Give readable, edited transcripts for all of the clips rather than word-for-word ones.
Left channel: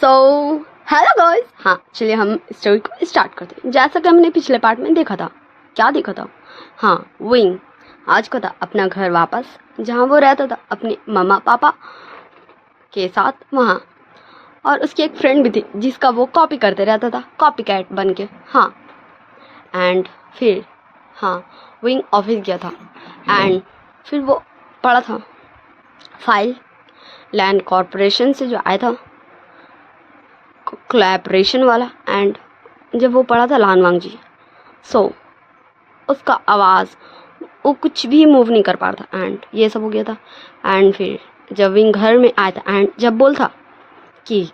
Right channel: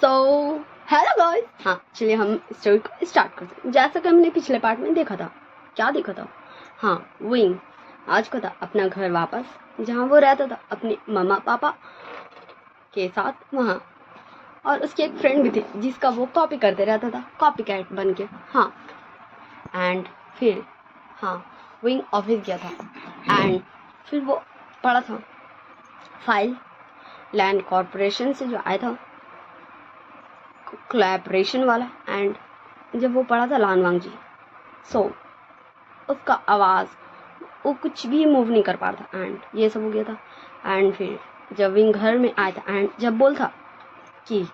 So hello guys, हाँ चलिए हम स्टोरी को स्टार्ट करते हैं। जैसा कि हमने पिछले पार्ट में देखा था, क्या देखा था, हाँ विंग आज का था अपना घर वापस, जहाँ वो रहता था अपने मम्मा पापा के साथ वहाँ। और उसकी एक फ्रेंड भी थी जिसका वो कॉपी करते रहता था, कॉपी कैट बन के। हाँ एंड फिर हाँ विंग ऑफिस गया था एंड फिर वो पढ़ा था फाइल लैंड कॉरपोरेशन से जो आया था कोलैबोरेशन वाला। एंड जब वो पढ़ा था लानवांग जी, सो उसका आवाज़ वो कुछ भी मूव नहीं कर पा रहा था एंड ये सब हो गया था। एंड फिर जब विंग घर में आया था एंड जब बोल था कि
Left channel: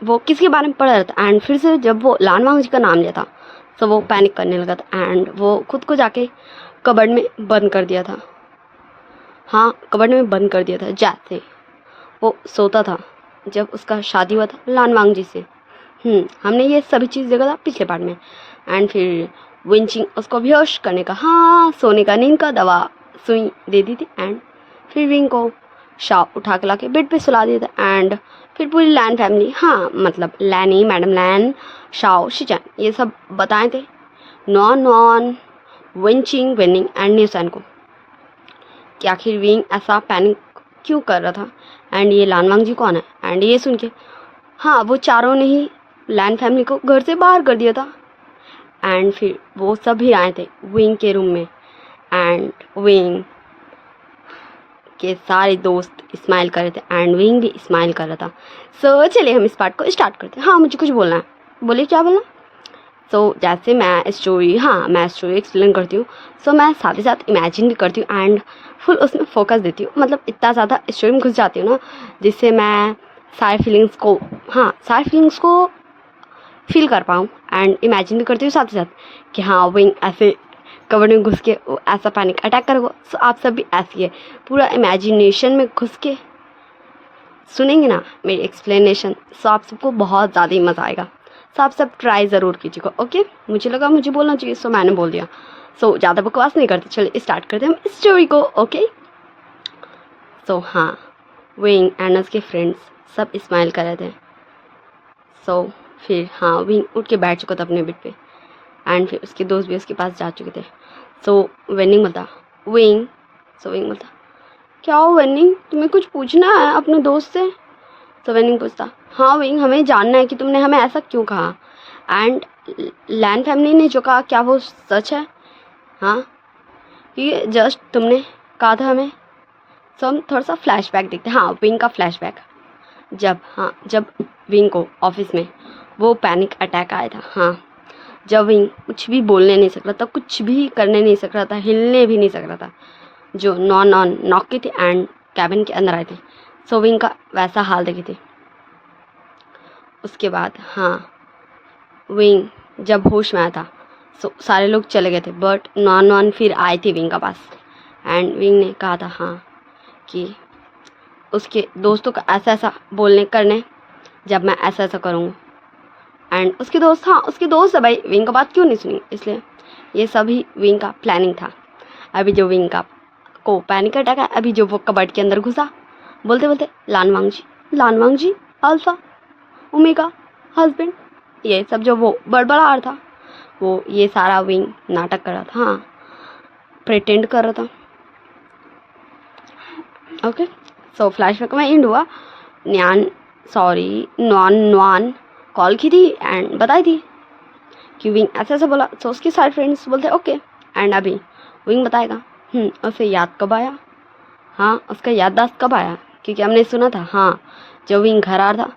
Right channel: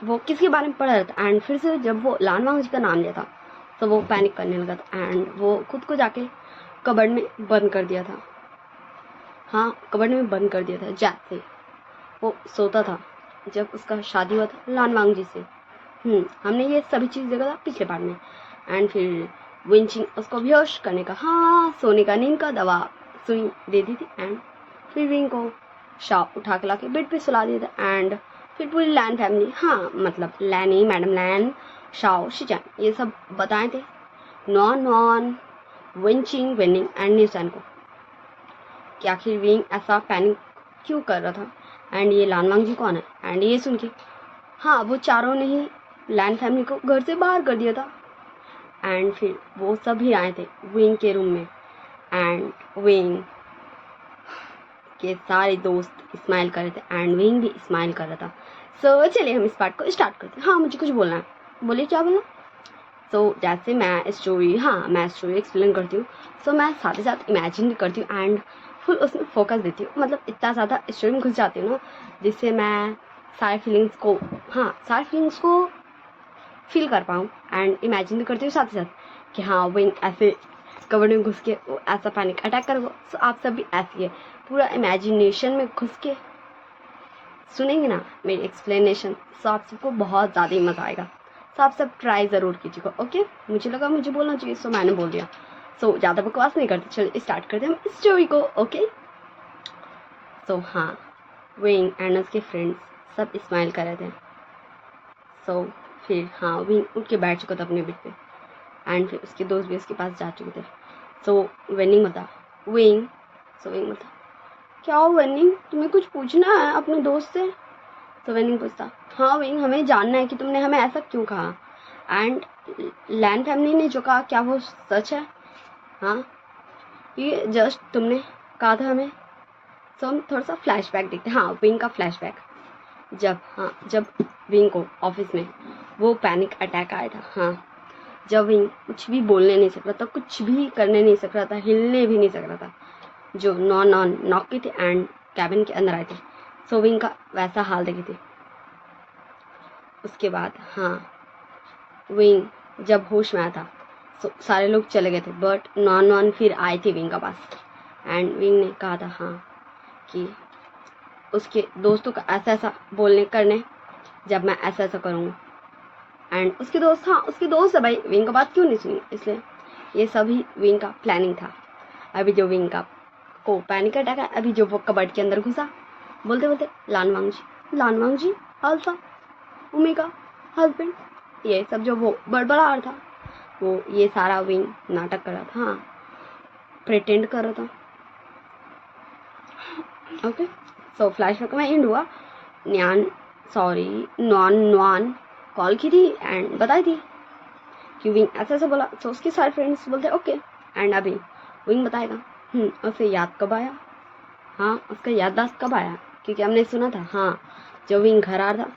वो किसके बारे में पढ़ रहा था एंड फिर से जब वो लानवांग जी का नाम लिया था तो वो पैनिक करने लगा था एंड वो खुद को जाके कबर्ड में बंद कर दिया था। हाँ कबर्ड में बंद कर दिया था जैसे वो सोता था जब उसका शादी हुआ था लानवांग जी से। हमने ये सभी चीज़ देखा था पिछले पार्ट में। एंड फिर विंचिंग उसको बेहोश करने का, हाँ सोने का, नींद का दवा सुई दे दी थी। एंड फिर विंग को शाव उठा के ला के बेड पे सुला दिया था। एंड फिर पूरी लैन फैमिली, हाँ मतलब लैनी, मैडम लैन, शाव, शिचन, ये सब बताए थे नॉन नॉन विंचिंग, विनिंग एंड न्यूसन को कि आखिर विंग ऐसा पैनिक क्यों कर रहा था एंड ये लानवांग जी कौन है। एंड ये सुन के हाँ वो चारों ने ही लैन फैमिली को घर से बाहर कर दिया था। एंड फिर वो सभी आए थे विंग के रूम में एंड विंग के सारे दोस्त स्माइल कर रहे थे एंड विंग भी स्माइल कर रहा था। सो चलिए हम इस पार्ट को स्टार्ट करते हैं। हाँ मुझे कुछ बोलना है, बोलिए क्या बोलना। सो जैसे मैं स्टोरी एक्सप्लेन करती हूँ, सो मैं साथ ही साथ इमेजिन भी करती हूँ एंड फुल उसमें फोकस देती हूँ। मतलब इतना ज़्यादा स्टोरी में घुस जाती हूँ ना, जिससे मैं सारी फीलिंग्स को फील कर पाऊँ एंड इमेजिन भी करती हूँ साथ ही साथ कि हाँ विंग ऐसे कवर में घुस के वो ऐसा पैनिक अटैक करेगा। सो आप सब भी ऐसी है, पूरा इमेजिनेशन में घुस के सुनेंगे ना मेरी एक्सप्लेनेशन, सो आप सबको बहुत ज़्यादा ही मज़ा आएगा। सो आप सब ट्राई ज़रूर कीजिएगा। ओके, मुझे लगा मुझे बोलना चाहिए, सो मैंने बोल दिया। सो ज़्यादा बकवास नहीं करते, चलिए स्टार्ट करते हैं हम स्टोरी को। ओके सो हाँ विंग एंड उसके फ्रेंड्स सब स्माइल कर रहे थे। सो फिर हाँ विंग उठ के बैठ चुका था अपने बेड पे एंड फिर उसके दोस्त भी उसके पास जा चुके थे। सो विंग बता, क्या हो विंग, तुम्हें कुछ पूछना है अपने दोस्त से। तो विंग पूछता, हाँ विंग हमें जानना है कि तुमने हमें ऐसा क्यों कहा एंड लैन फैमिली ने जो कहा क्या वो सच है। हाँ ये जस्ट तुमने कहा था हमें। सो हम थोड़ा सा फ्लैशबैक देखते हैं। हाँ विंग का फ्लैशबैक, जब विंग को ऑफिस में वो पैनिक अटैक आया था। हाँ जब विंग कुछ भी बोलने नहीं सक रहा था, कुछ भी करने नहीं सक रहा था, हिलने भी नहीं सक रहा था, जो नॉन नॉक के थे एंड कैबिन के अंदर आए थे। सो विंग का वैसा हाल देखे थे। उसके बाद हाँ विंग जब होश में आया था, सो सारे लोग चले गए थे बट नॉन फिर आए थे विंग का पास एंड विंग ने कहा था हाँ कि उसके दोस्तों का ऐसा ऐसा बोलने करने जब मैं ऐसा ऐसा करूँगा। एंड उसके दोस्त है भाई, विंग का बात क्यों नहीं सुनी, इसलिए ये सभी विंग का प्लानिंग था। अभी जो विंग का को पैनिक अटैक है, अभी जो वो कबर्ड के अंदर घुसा बोलते बोलते लानवांग जी अल्फा ओमेगा हस्बैंड, ये सब जो वो बड़बड़ा रहा था, वो ये सारा विंग नाटक कर रहा था, हाँ प्रिटेंड कर रहा था। ओके सो फ्लैशबैक में एंड हुआ। नॉन कॉल की थी एंड बताई थी कि विंग ऐसे ऐसे बोला। तो उसके सारे फ्रेंड्स बोलते ओके एंड अभी विंग बताएगा उसे याद कब आया, हाँ उसका याददाश्त कब आया, क्योंकि हमने सुना था हाँ जब विंग घर आ रहा था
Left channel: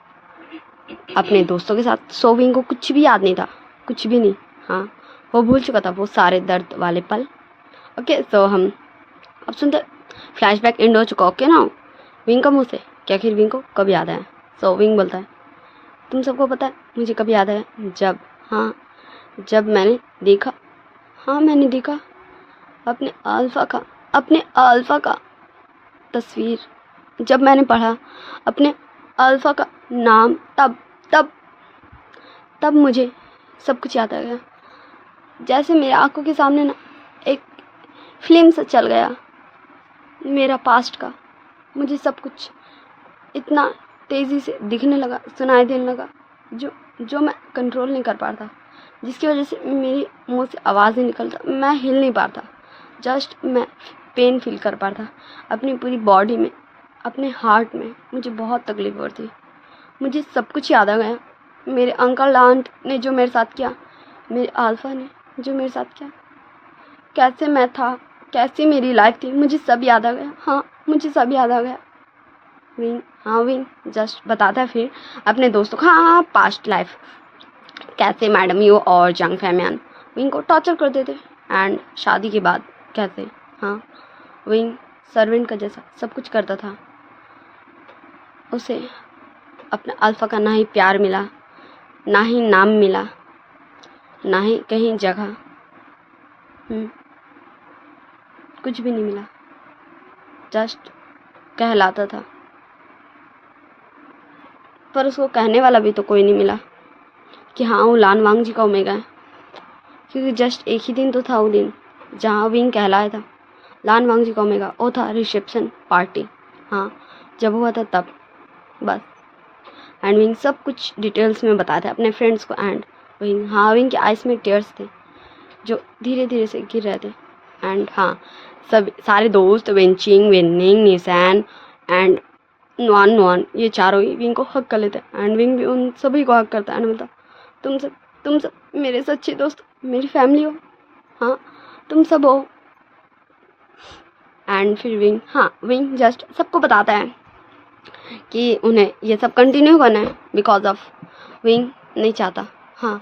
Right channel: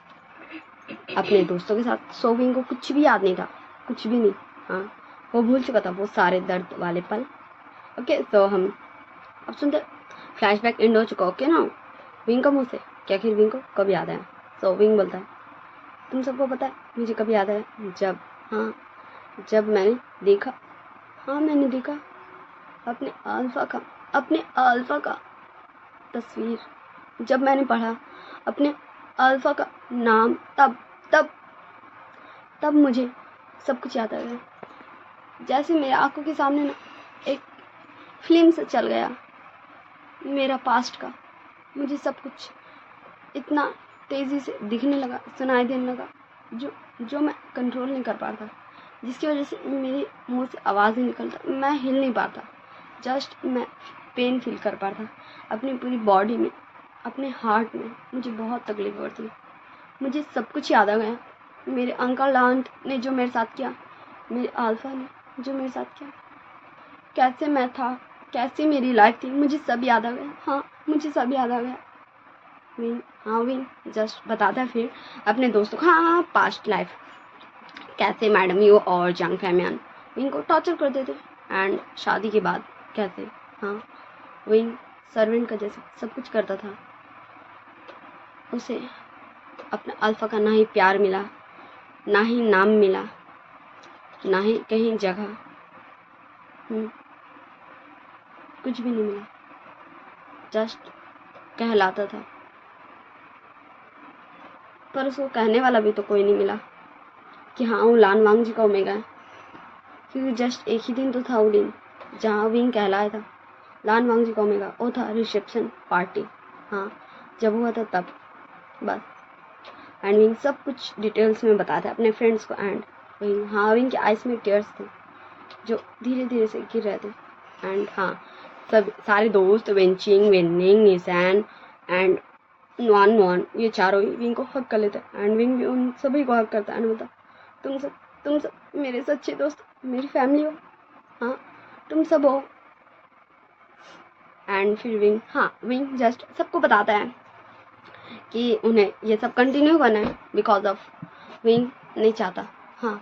अपने दोस्तों के साथ, सो विंग को कुछ भी याद नहीं था, कुछ भी नहीं। हाँ वो भूल चुका था वो सारे दर्द वाले पल। ओके सो हम अब सुनते, फ्लैशबैक एंड हो चुका। ओके ना विंग का मुँह से कि आखिर विंग को कब याद आया। सो विंग बोलता है तुम सबको पता है मुझे कब याद आया, जब मैंने देखा, हाँ मैंने देखा अपने अल्फ़ा का तस्वीर, जब मैंने पढ़ा अपने अल्फ़ा का नाम, तब मुझे सब कुछ याद आ गया। जैसे मेरे आंखों के सामने ना एक फिल्म सा चल गया मेरा पास्ट का। मुझे सब कुछ इतना तेज़ी से दिखने लगा, सुनाई देने लगा, जो मैं कंट्रोल नहीं कर पा रहा था, जिसकी वजह से मेरी मुंह से आवाज़ नहीं निकलता, मैं हिल नहीं पाता, जस्ट मैं पेन फील कर पा रहा था अपनी पूरी बॉडी में, अपने हार्ट में। मुझे बहुत तकलीफ हो रही थी। मुझे सब कुछ याद आ गया, मेरे अंकल आंट ने जो मेरे साथ किया, मेरे अल्फा ने जो मेरे साथ किया, कैसे मैं था, कैसी मेरी लाइफ थी, मुझे सब याद आ गया। हाँ, मुझे सब याद आ गया। विंग, हाँ विंग जस्ट बताता है फिर अपने दोस्तों को, हाँ पास्ट लाइफ कैसे मैडम यू और जंग फैमियान विंग को टॉर्चर करते थे, एंड शादी के बाद कैसे हाँ विंग सर्वेंट का जैसा सब कुछ करता था। उसे अपने अल्फा का ना ही प्यार मिला, ना ही नाम मिला, ना ही कहीं जगह, कुछ भी नहीं मिला, जस्ट कहलाता था। पर उसको कहने वाला भी तो कोई नहीं मिला कि हाँ वो लान वांग जी का ओमेगा है, क्योंकि जस्ट एक ही दिन तो था वो दिन जहाँ विंग कहलाया था लान वांग जी का ओमेगा। वो था रिसेप्शन पार्टी, हाँ जब हुआ था तब, बस। एंड विंग सब कुछ डिटेल्स में बताते अपने फ्रेंड्स को। एंड विंग, हाँ विंग के आइस में टीयर्स थे जो धीरे धीरे से गिर रहे थे। एंड हाँ सब सारे दोस्त Wenching, वेनिंग, Nissan and non non, ये चारों ही विंग को हक कर लेते हैं। एंड विंग भी उन सभी को हक करता है। एंड मतलब तुम सब मेरे सच्चे दोस्त, मेरी फैमिली हो, हाँ तुम सब हो। एंड फिर विंग, हाँ विंग जस्ट सबको बताता है कि उन्हें ये सब कंटिन्यू करना है, बिकॉज ऑफ विंग नहीं चाहता हाँ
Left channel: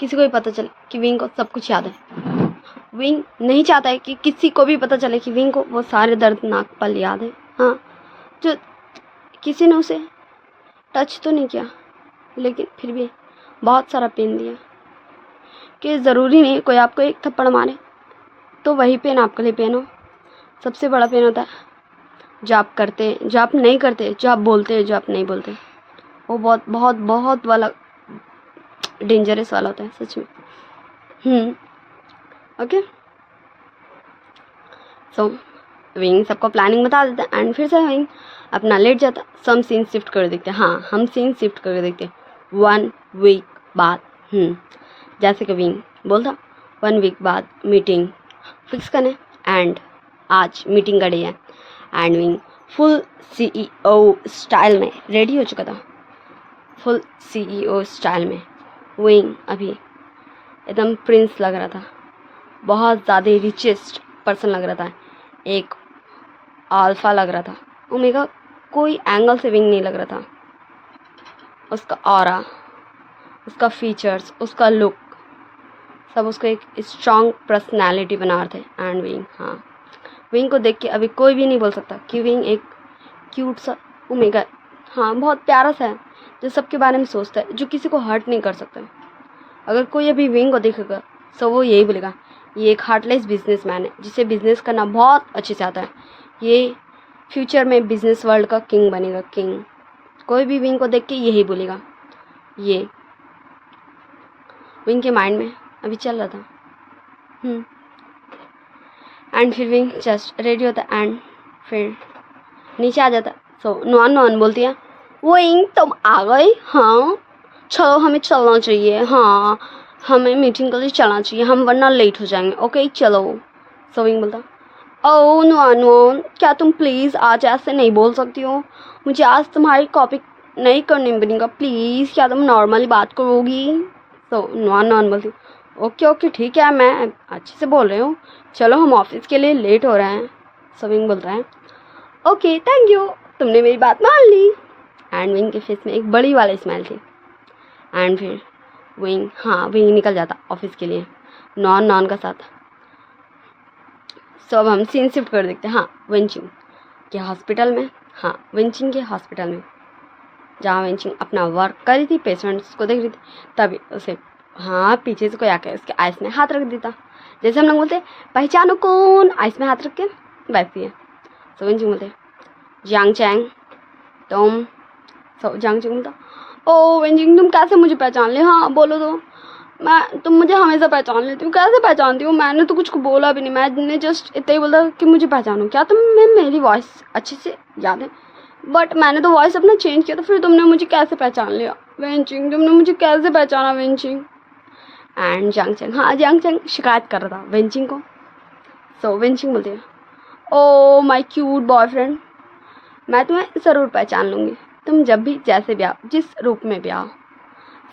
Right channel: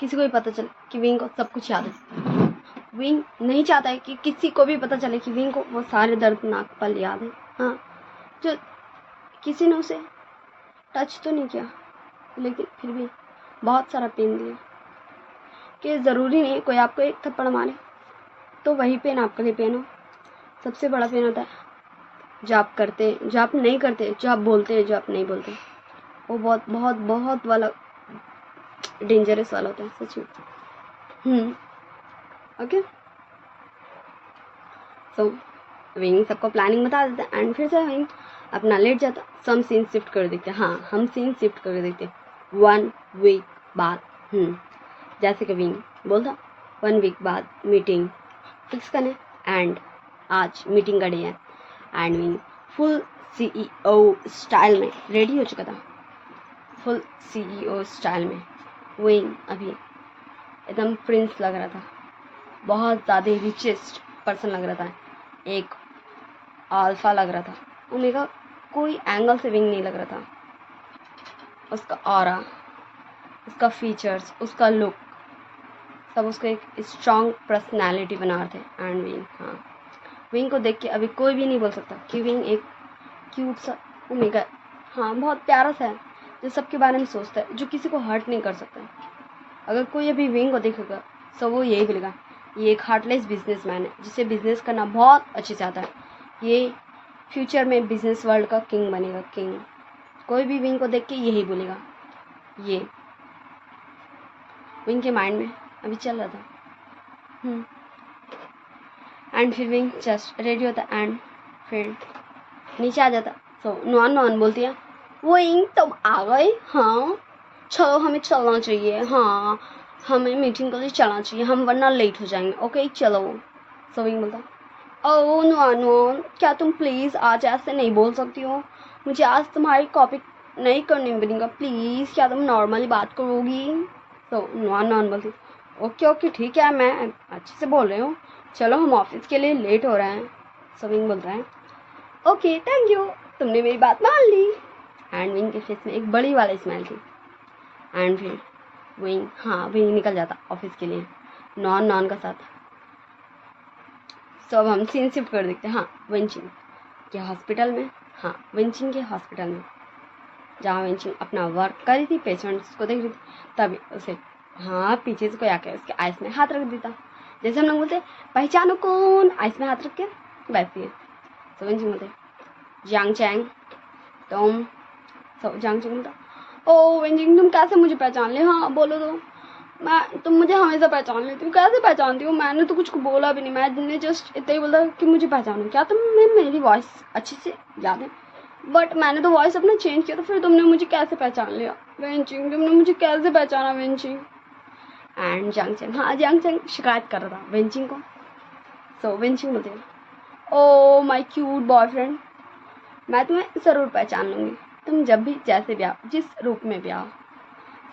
किसी को भी पता चले कि विंग को सब कुछ याद है। विंग नहीं चाहता है कि किसी को भी पता चले कि विंग को वो सारे दर्दनाक पल याद है, हाँ जो किसी ने उसे टच तो नहीं किया, लेकिन फिर भी बहुत सारा पेन दिया। कि ज़रूरी नहीं कोई आपको एक थप्पड़ मारे तो वही पेन आपके लिए पेन हो। सबसे बड़ा पेन होता है जो आप करते, जो आप नहीं करते, जो आप बोलते, जो आप नहीं बोलते, वो बहुत बहुत बहुत वाला डेंजरस वाला होता है सच में। ओके, सो विंग सबको प्लानिंग बता देता है। एंड फिर से विंग अपना लेट जाता। सम सीन शिफ्ट कर देखते हैं, हाँ हम सीन शिफ्ट करके देखते हैं 1 वीक बाद। जैसे कि विंग बोलता 1 वीक बाद मीटिंग फिक्स करने, एंड आज मीटिंग का डे है। And wing full CEO style में रेडी हो चुका था, फुल CEO स्टाइल में। विंग अभी एकदम प्रिंस लग रहा था, बहुत ज़्यादा रिचेस्ट पर्सन लग रहा था, एक अल्फा लग रहा था। ओमेगा कोई एंगल से विंग नहीं लग रहा था। उसका ऑरा, उसका फीचर्स, उसका लुक, सब उसको एक स्ट्रॉन्ग पर्सनालिटी बना रहे थे। एंड विंग, हाँ विंग को देख के अभी कोई भी नहीं बोल सकता कि विंग एक क्यूट सा ओमेगा, हाँ बहुत प्यारा सा है जो सबके बारे में सोचता है, जो किसी को हर्ट नहीं कर सकता। अगर कोई अभी विंग को देखेगा तो वो यही बोलेगा ये एक हार्टलेस बिजनेसमैन है जिसे बिजनेस करना बहुत अच्छे से आता है, ये फ्यूचर में बिजनेस वर्ल्ड का किंग बनेगा, किंग। कोई भी विंग को देख के यही बोलेगा। ये विंग के माइंड में अभी चल रहा था। एंड फिर विंग जस्ट रेडी होता एंड फिर नीचे आ जाता। सो नॉन बोलती है विंग तुम आ गई, हाँ चलो हमें चलना चाहिए, हाँ हमें मीटिंग के लिए चलना चाहिए, हम वरना लेट हो जाएंगे, ओके चलो। सो विंग बोलता ओह नॉन क्या तुम प्लीज़ आज ऐसे नहीं बोल सकती हो, मुझे आज तुम्हारी कॉपी नहीं करनी पड़ेगा प्लीज़, क्या तुम नॉर्मली बात करोगी। तो नॉन बोलती ओके ठीक है मैं अच्छे से बोल रही हूँ, चलो हम ऑफिस के लिए लेट हो रहे हैं। सो विंग बोल रहा है ओके थैंक यू, तुमने मेरी बात मान ली। एंड विंग के फेस में एक बड़ी वाली स्माइल थी। एंड फिर विंग निकल जाता ऑफिस के लिए नॉन का साथ। सो अब हम सीन शिफ्ट कर देखते हैं, हाँ वेंचिंग के हॉस्पिटल में, हाँ वेंचिंग के हॉस्पिटल में जहाँ वेंचिंग अपना वर्क कर रही थी, पेशेंट्स को देख रही थी, तभी उसे हाँ पीछे से कोई आके उसके आइस में हाथ रख देता। जैसे हम लोग बोलते पहचानो कौन, आइस में हाथ रख के वैसे है। सो वेंचिंग बोलते जांग चैंग तुम। सो जांग चैंग बोलता ओ वेंचिंग तुम कैसे मुझे पहचान ले, हाँ बोलो तो, तुम मुझे हमेशा पहचान लेती हो, कैसे पहचानती हो, मैंने तो कुछ बोला भी नहीं, मैंने जस्ट इतना ही बोला कि मुझे पहचानो, क्या तुम्हें मेरी वॉइस अच्छे से याद है, बट मैंने तो वॉइस अपना चेंज किया, तो फिर तुमने मुझे कैसे पहचान लिया वेंचिंग, तुमने मुझे कैसे पहचाना वेंचिंग। एंड जांगचंग, हाँ जांगचंग शिकायत कर रहा था वेंचिंग को। सो वेंचिंग बोलती है, ओ माई क्यूट बॉयफ्रेंड, मैं तुम्हें ज़रूर पहचान लूँगी, तुम जब भी जैसे भी आओ, जिस रूप में भी आओ।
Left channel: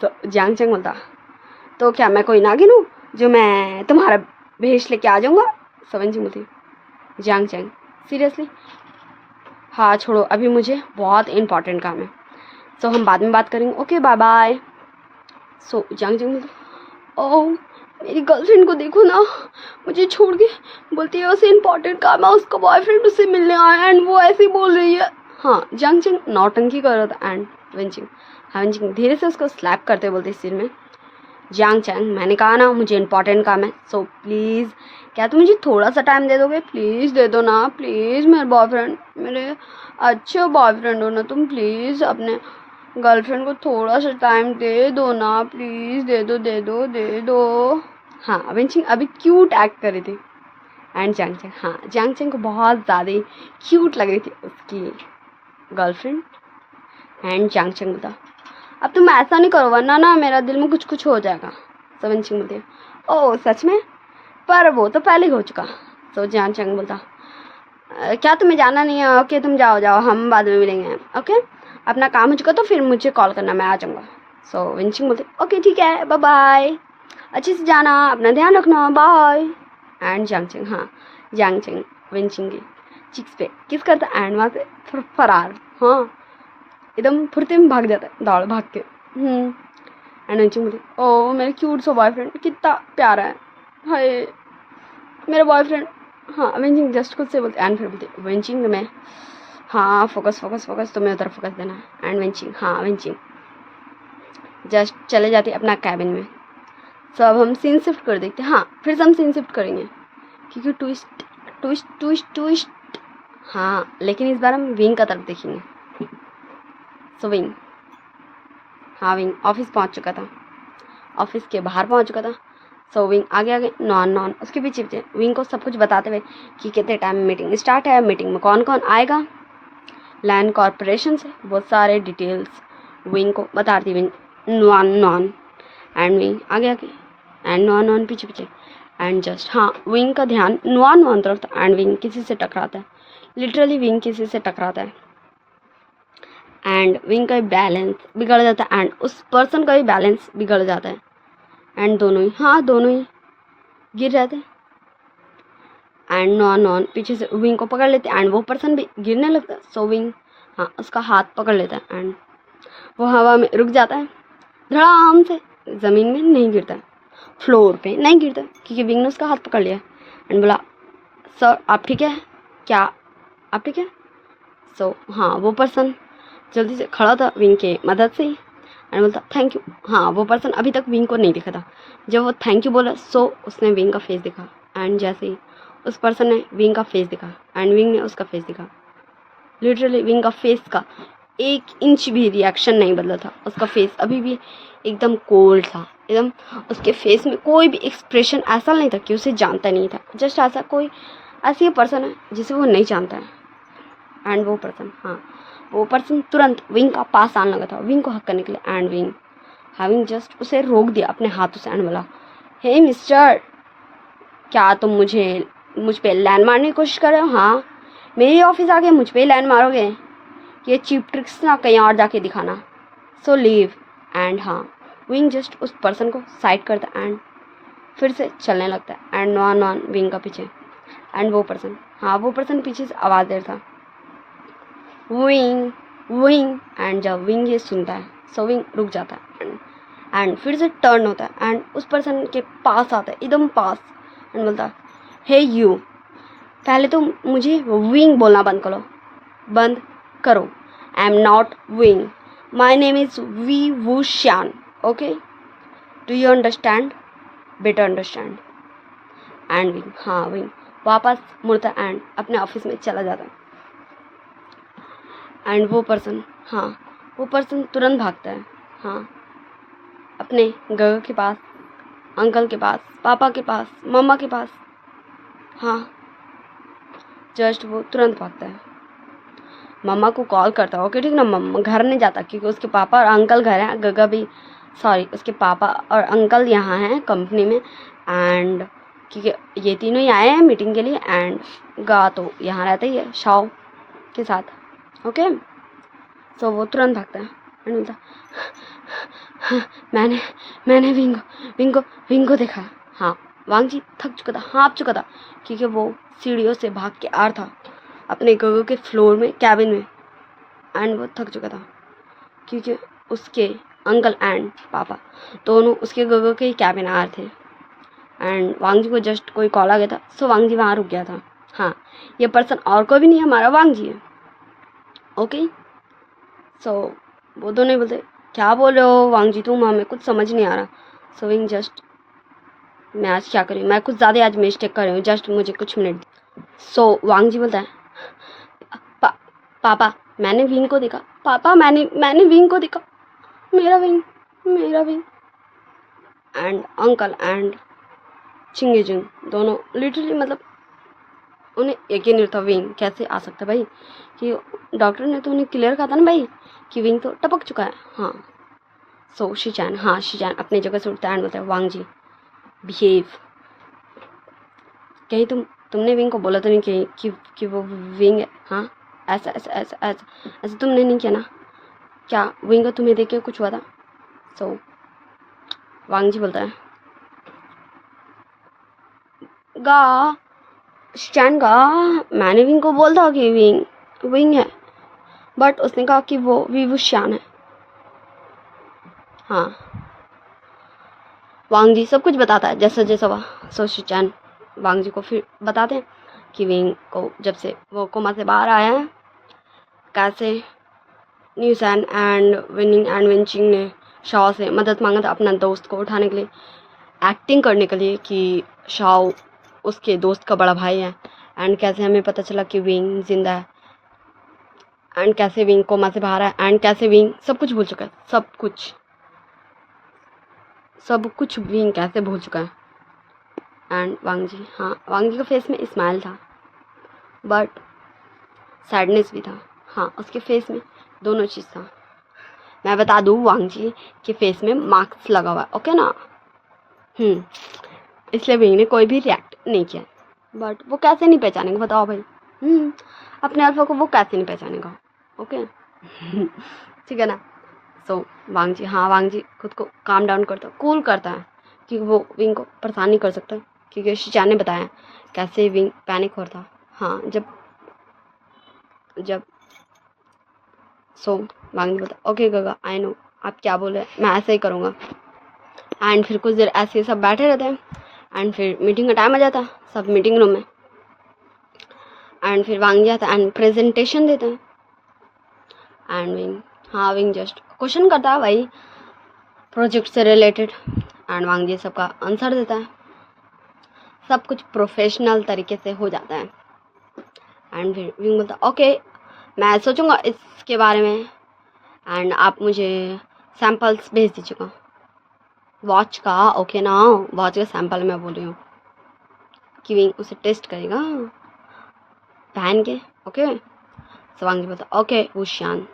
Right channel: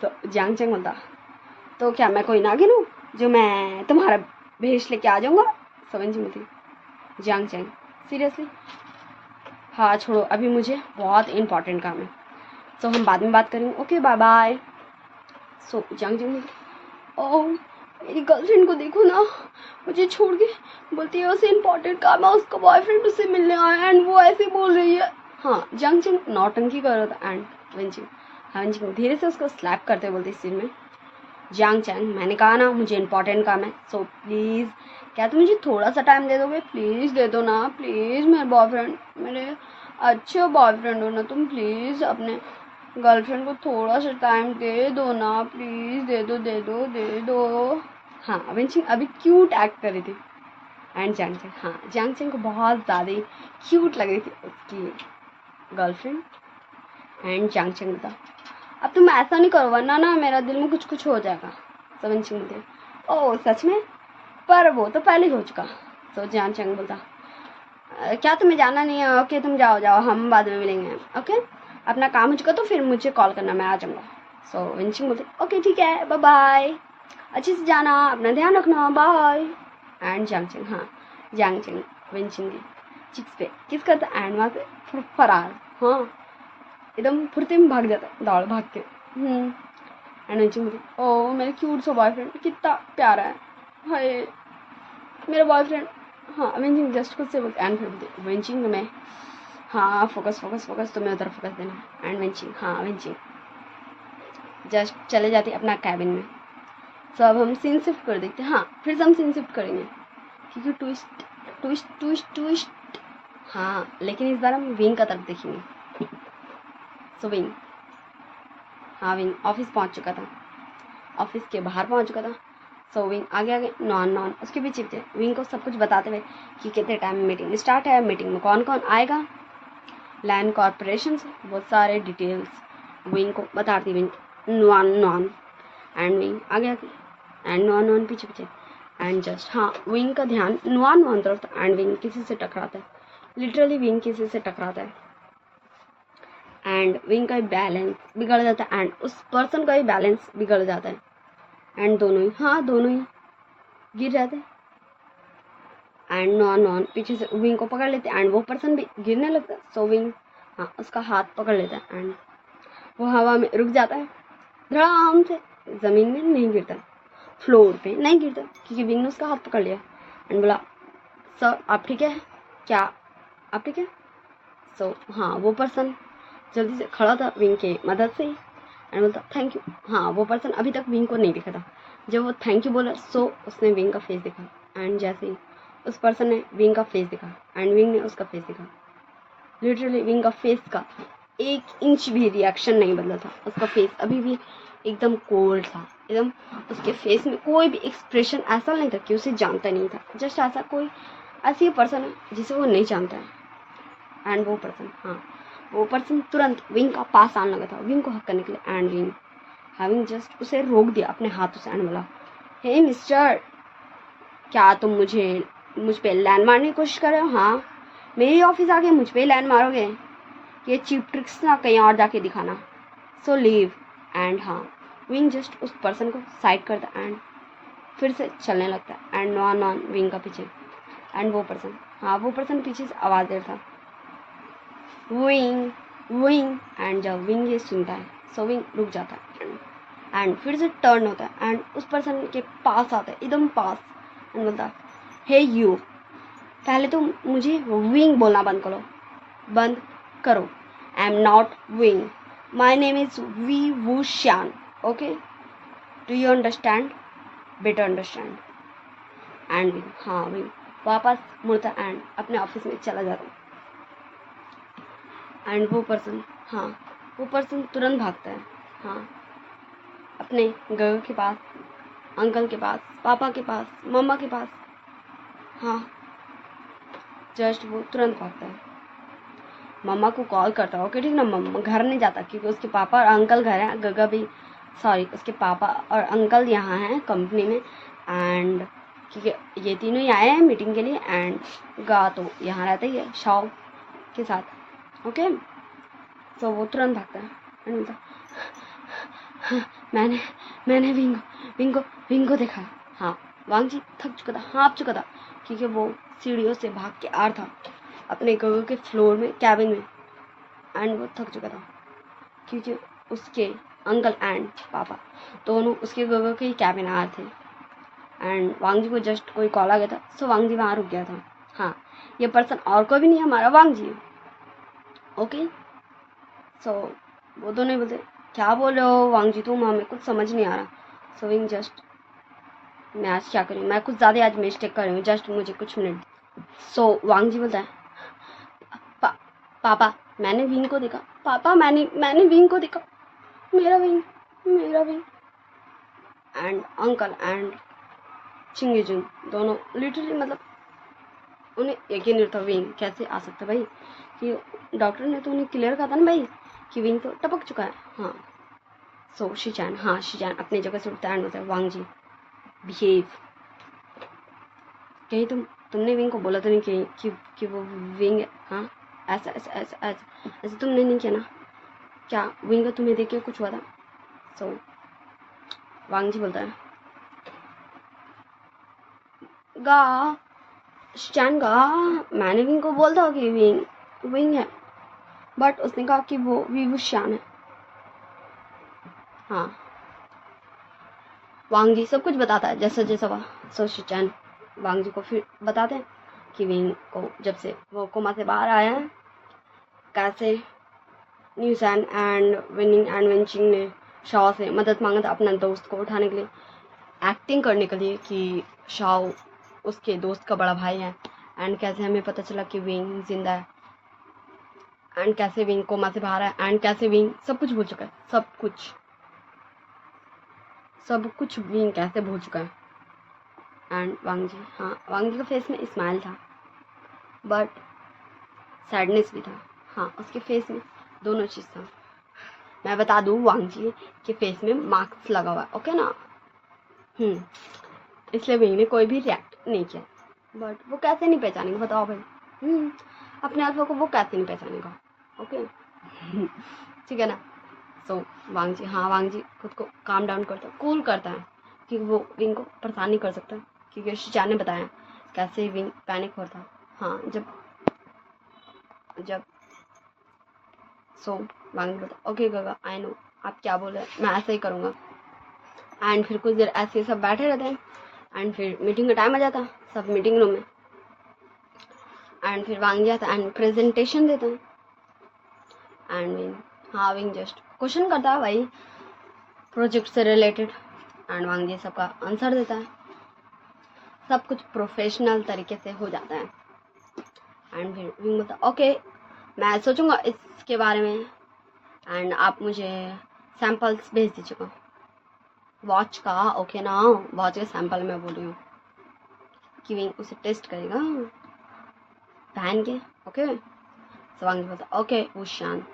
तो जांगचंग बोलता, तो क्या मैं कोई नागिन हूँ जो मैं तुम्हारा भेष लेके आ जाऊँगा। सो वेंचिंग बोलती, जांगचंग सीरियसली, हाँ छोड़ो, अभी मुझे बहुत इंपॉर्टेंट काम है, सो हम बाद में बात करेंगे, ओके बाय बाय। सो जांगचंग बोलती, ओह मेरी गर्लफ्रेंड को देखो ना, मुझे छोड़ के, बोलती है उसे इंपॉर्टेंट काम है, उसका बॉयफ्रेंड उससे मिलने आया एंड वो ऐसे ही बोल रही है। हाँ जांगचंग नौटंकी कर रहा था एंड वेंचिंग, हाँ वेंचिंग धीरे से उसको स्लैप करते बोलती सिर में, जांगचंग मैंने कहा ना मुझे इंपॉर्टेंट काम है, सो प्लीज़ क्या तुम मुझे थोड़ा सा टाइम दे दोगे, प्लीज़ दे दो ना, प्लीज़ मेरे बॉयफ्रेंड, मेरे अच्छे बॉयफ्रेंड हो ना तुम, प्लीज़ अपने गर्लफ्रेंड को थोड़ा सा टाइम दे दो ना, प्लीज़ दे दो दे दो दे दो। हाँ वेंचिंग अभी क्यूट एक्ट कर रही थी एंड जांगचंग, हाँ जांगचंग को बहुत ज़्यादा क्यूट लग रही थी उसकी गर्लफ्रेंड। एंड जांगचंग बता, अब तुम ऐसा नहीं करो वरना ना मेरा दिल में कुछ कुछ हो जाएगा। सो वेंचिंग बोलती है, ओह सच में, पर वो तो पहले ही हो चुका। सो जांगचंग बोलता, क्या तुम्हें जाना नहीं है, ओके तुम जाओ जाओ, हम बाद में मिलेंगे, ओके अपना काम हो चुका तो फिर मुझे कॉल करना, मैं आ जाऊँगा। सो वेंचिंग बोलती, ओके ठीक है बाय बाय, अच्छे से जाना, अपना ध्यान रखना, बाय। एंड जांगचंग, हाँ जांगचंग वेंचिंग की चिक्स पे किस करता एंड वहाँ से फिर फरार, हाँ एकदम फुर्ती में भाग जाता है दौड़ भाग के। एंड वेंचिंग बोलती, ओ मेरा क्यूट सा बॉयफ्रेंड कितना प्यारा है, हाय मेरा बॉयफ्रेंड। हाँ वेंचिंग जस्ट खुद से बोलते एंड फिर बोलती वेंचिंग में, हाँ फोकस फोकस फोकस, तुम्हें उधर फोकस देना है। एंड वेंचिंग, हाँ वेंचिंग जस्ट चले जाते अपना कैबिन में। सो अब हम सीन शिफ्ट कर देखते हैं, हाँ फिर से हम सीन शिफ्ट करेंगे क्योंकि ट्विस्ट ट्विस्ट ट्विस्ट ट्विस्ट, हाँ लेकिन इस बार हम विंग का तरफ देखेंगे। सो विंग, हाँ विंग ऑफिस पहुंच चुका था, ऑफिस के बाहर पहुंच चुका था। सो विंग आगे आगे नॉन नॉन उसके पीछे पीछे विंग को सब कुछ बताते हुए कि कितने टाइम में मीटिंग स्टार्ट है, मीटिंग में कौन कौन आएगा, लैंड कॉरपोरेशन से बहुत सारे डिटेल्स विंग को बताती wing non non. And wing आगे आगे एंड नॉन नॉन पीछे पीछे एंड जस्ट, हाँ विंग का ध्यान नॉन नॉन तरफ था एंड विंग किसी से टकराता है, लिटरली विंग किसी से टकराता है एंड विंग का बैलेंस बिगड़ जाता है एंड उस पर्सन का भी बैलेंस बिगड़ जाता है एंड दोनों ही, हाँ दोनों ही गिर जाते हैं एंड नॉन नॉन पीछे से विंग को पकड़ लेते हैं एंड वो पर्सन भी गिरने लगता है। सो विंग, हाँ उसका हाथ पकड़ लेता है एंड वो हवा में रुक जाता है, धड़ाम से ज़मीन में नहीं गिरता, फ्लोर पे नहीं गिरता क्योंकि विंग ने उसका हाथ पकड़ लिया एंड बोला, सर आप ठीक है क्या, आप ठीक है। सो हाँ वो पर्सन जल्दी से खड़ा था विंग के मदद से एंड बोलता थैंक यू। हाँ वो पर्सन अभी तक विंग को नहीं दिखा था, जब वो थैंक यू बोला सो उसने विंग का फेस दिखा एंड जैसे ही उस पर्सन ने विंग का फेस दिखा एंड विंग ने उसका फेस दिखा, लिटरली विंग का फेस का 1 इंच भी रिएक्शन नहीं बदला था, उसका फेस अभी भी एकदम कोल्ड था, एकदम उसके फेस में कोई भी एक्सप्रेशन ऐसा नहीं था कि उसे जानता नहीं था, जस्ट ऐसा कोई ऐसी पर्सन है जिसे वो नहीं जानता है। एंड वो पर्सन, हाँ वो पर्सन तुरंत विंग का पास आने लगा था विंग को हक करने के लिए एंड विंग हैविंग जस्ट उसे रोक दिया अपने हाथों से एंड बोला, हे मिस्टर क्या तुम मुझ पे लैंड मारने की कोशिश कर रहे हो, हाँ मेरे ऑफिस आके मुझ पे लैंड मारोगे, ये चीप ट्रिक्स ना कहीं और जाके दिखाना, सो लीव। एंड हाँ विंग जस्ट उस पर्सन को साइड करता एंड फिर से चलने लगता है एंड नॉन नॉन विंग का पीछे एंड वो पर्सन, हाँ वो पर्सन पीछे से आवाज़ दे रहा था विंग विंग एंड जब विंग ये सुनता है सो विंग रुक जाता है एंड फिर से टर्न होता है एंड उस पर्सन के पास आता है एकदम पास एंड बोलता है, हे यू पहले तो मुझे विंग बोलना बंद करो, I am not Wing, my name is Wei Wu Xian, okay do you understand, better understand. And Wing, हाँ विंग वापस मुड़ता एंड अपने ऑफिस में चला जाता एंड वो पर्सन तुरंत भागता है, हाँ अपने घर के पास, अंकल के पास, पापा के पास, मम्मा के पास, हाँ जस्ट वो तुरंत भागता है मम्मा को कॉल करता है, ओके ठीक ना। मम्मा घर नहीं जाता क्योंकि उसके पापा और अंकल घर हैं, गगा भी सॉरी उसके पापा और अंकल यहाँ हैं कंपनी में, एंड क्योंकि ये तीनों ही आए हैं मीटिंग के लिए, एंड गा तो यहाँ रहता ही है शाओ के साथ, ओके। सो वो तुरंत भागता है एंड बोलता मैंने मैंने विंग को देखा। हाँ, वांग जी थक चुका था, हाँफ चुका था क्योंकि वो सीढ़ियों से भाग के आ रहा था अपने गगो के फ्लोर में, कैबिन में, एंड वो थक चुका था क्योंकि उसके अंकल एंड पापा दोनों उसके गगो के ही कैबिन आ रहे थे, एंड वांग जी को जस्ट कोई कॉल आ गया था, सो वांग जी वहाँ रुक गया था। हाँ, ये पर्सन और कोई भी नहीं, हमारा वांग जी है, ओके। सो वो दोनों बोलते क्या बोल रहे हो वांग जी तुम, हमें कुछ समझ नहीं आ रहा। सो विंग जस्ट मैं आज क्या करूँ, मैं कुछ ज़्यादा आज मिस्टेक कर रही हूँ, जस्ट मुझे कुछ मिनट। सो वांग जी बोलता है पापा मैंने विंग को देखा, पापा मैंने विंग को देखा, मेरा विंग। एंड अंकल एंड चिंगेजिंग दोनों लिटरली मतलब उन्हें यकीन नहीं था विंग कैसे आ सकता भाई, कि डॉक्टर ने तो उन्हें क्लियर कहा था ना भाई कि विंग तो टपक चुका है। हाँ, सो शीचान अपनी जगह से उठता है एंड बोलता है वांग जी बिहेव, कहीं तुमने विंग को बोला तो नहीं कि वो विंग है। हाँ, ऐसा तुमने नहीं किया ना, क्या विंग को तुम्हें देख के कुछ हुआ था। सो वांग जी बोलता है गा स्टैंड का मैंने विंग को बोल था कि विंग है, बट उसने कहा कि वो विवुश्यान है। हाँ, वांग जी सब कुछ बताता है जैसा जैसा हुआ। सो शिचान वांग जी को फिर बताते हैं कि विंग को जब से वो कोमा से बाहर आया है कैसे न्यूसन एंड विनिंग एंड विंचिंग ने शाओ से मदद मांगा था अपना दोस्त को उठाने के लिए, एक्टिंग करने के लिए कि शाओ उसके दोस्त का बड़ा भाई है, एंड कैसे हमें पता चला कि विंग जिंदा है, एंड कैसे विंग कोमा से बाहर है, एंड कैसे विंग सब कुछ भूल चुका है, सब कुछ विंग कैसे भूल चुका है। एंड वांग जी, हाँ वांग जी के फेस में स्माइल था बट सैडनेस भी था। हाँ, उसके फेस में दोनों चीज़ था। मैं बता दूँ वांग जी के फेस में मार्क्स लगा हुआ है, ओके ना। इसलिए विंग ने कोई भी रिएक्ट नहीं किया, बट वो कैसे नहीं पहचानेगा बताओ भाई। अपने अल्फा को वो कैसे नहीं पहचानेगा, ओके। ठीक है ना। सो वांग जी खुद को काम डाउन करता है, कूल करता है क्योंकि वो विंग को परेशान नहीं कर सकता, क्योंकि शिचान ने बताया कैसे विंग पैनिक हो रहा था। हाँ, जब सो वांग जी बोलता ओके गगा आई नो आप क्या बोल रहे हैं, मैं ऐसा ही करूँगा। एंड फिर कुछ देर ऐसे सब बैठे रहते हैं, एंड फिर मीटिंग का टाइम आ जाता, सब मीटिंग रूम में, एंड फिर वांग जी आता एंड प्रेजेंटेशन देते हैं, एंड विंग जस्ट क्वेश्चन करता है भाई प्रोजेक्ट से रिलेटेड, एंड वांग जी सबका आंसर देता है, सब कुछ प्रोफेशनल तरीके से हो जाता है। एंड फिर विंग बोलता ओके मैं सोचूंगा इसके बारे में, एंड आप मुझे सैम्पल्स भेज दीजिएगा वॉच का, ओके ना। वॉच का सैंपल मैं बोल रही हूँ कि विंग उसे टेस्ट करेगा पहन के, ओके। सो वांग जी बोलता ओके वुशियान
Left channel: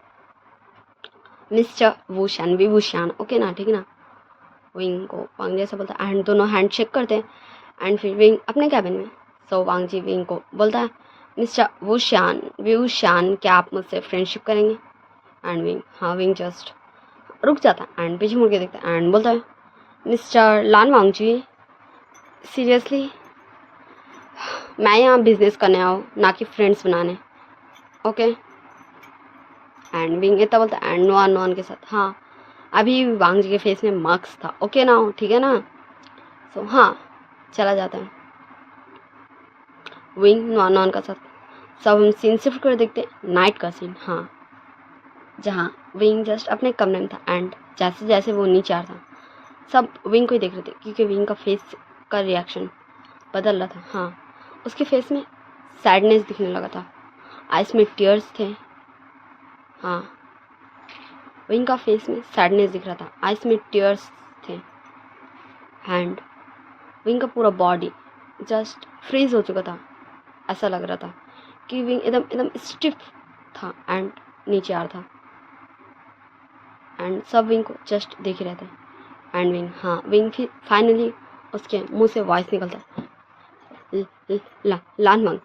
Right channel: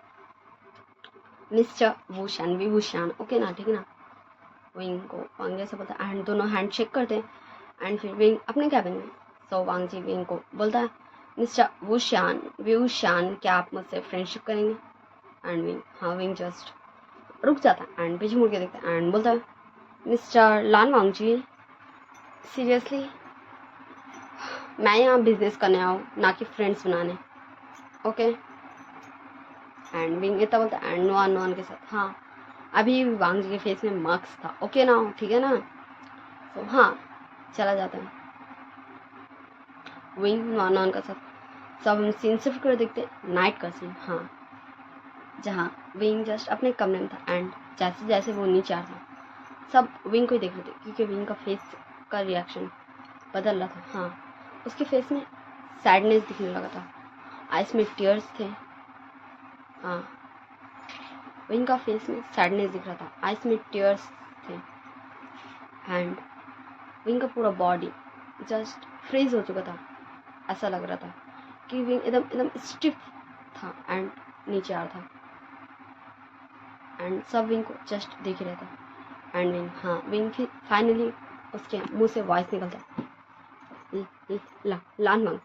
मिस्टर वुशियान ओके ना, ठीक है ना। विंग को वांग जी ऐसा बोलता है एंड दोनों हैंड शेक करते हैं, एंड फिर विंग अपने कैबिन में। सो वांग जी विंग को बोलता है मिस्टर वुशियान क्या आप मुझसे फ्रेंडशिप करेंगे। एंड विंग जस्ट रुक जाता है एंड पीछे मुड़ के देखता है एंड बोलता है मिस्टर लान वांग जी सीरियसली मैं यहाँ बिजनेस करने आया हूँ ना कि फ्रेंड्स बनाने, ओके। एंड विंग इतना बोलता है एंड नोन के साथ। हाँ, अभी वांग जी के फेस में मार्क्स था, ओके ना, ठीक है ना। सो हाँ, चला जाता है विंग नॉन का साथ। सब हम सीन शिफ्ट कर देखते नाइट का सीन। हाँ, जहाँ विंग जस्ट अपने कमरे में था, एंड जैसे जैसे वो नीचे आ रहा था सब विंग को ही देख रहे थे क्योंकि विंग का फेस का रिएक्शन बदल रहा था। हाँ, उसके फेस में सैडनेस दिखने लगा था, आइस में टीयर्स थे। हाँ, विंग का फेस में सैडनेस दिख रहा था, आइस में टीयर्स थे, एंड विंग का पूरा बॉडी जस्ट फ्रीज हो चुका था। ऐसा लग रहा था कि विंग एकदम स्टिफ था एंड नीचे आ रहा था एंड सब विंग को जस्ट देख रहे थे एंड विंग, हाँ विंग फिर फाइनली उसके मुंह से वॉइस निकलता है, Lan Wang,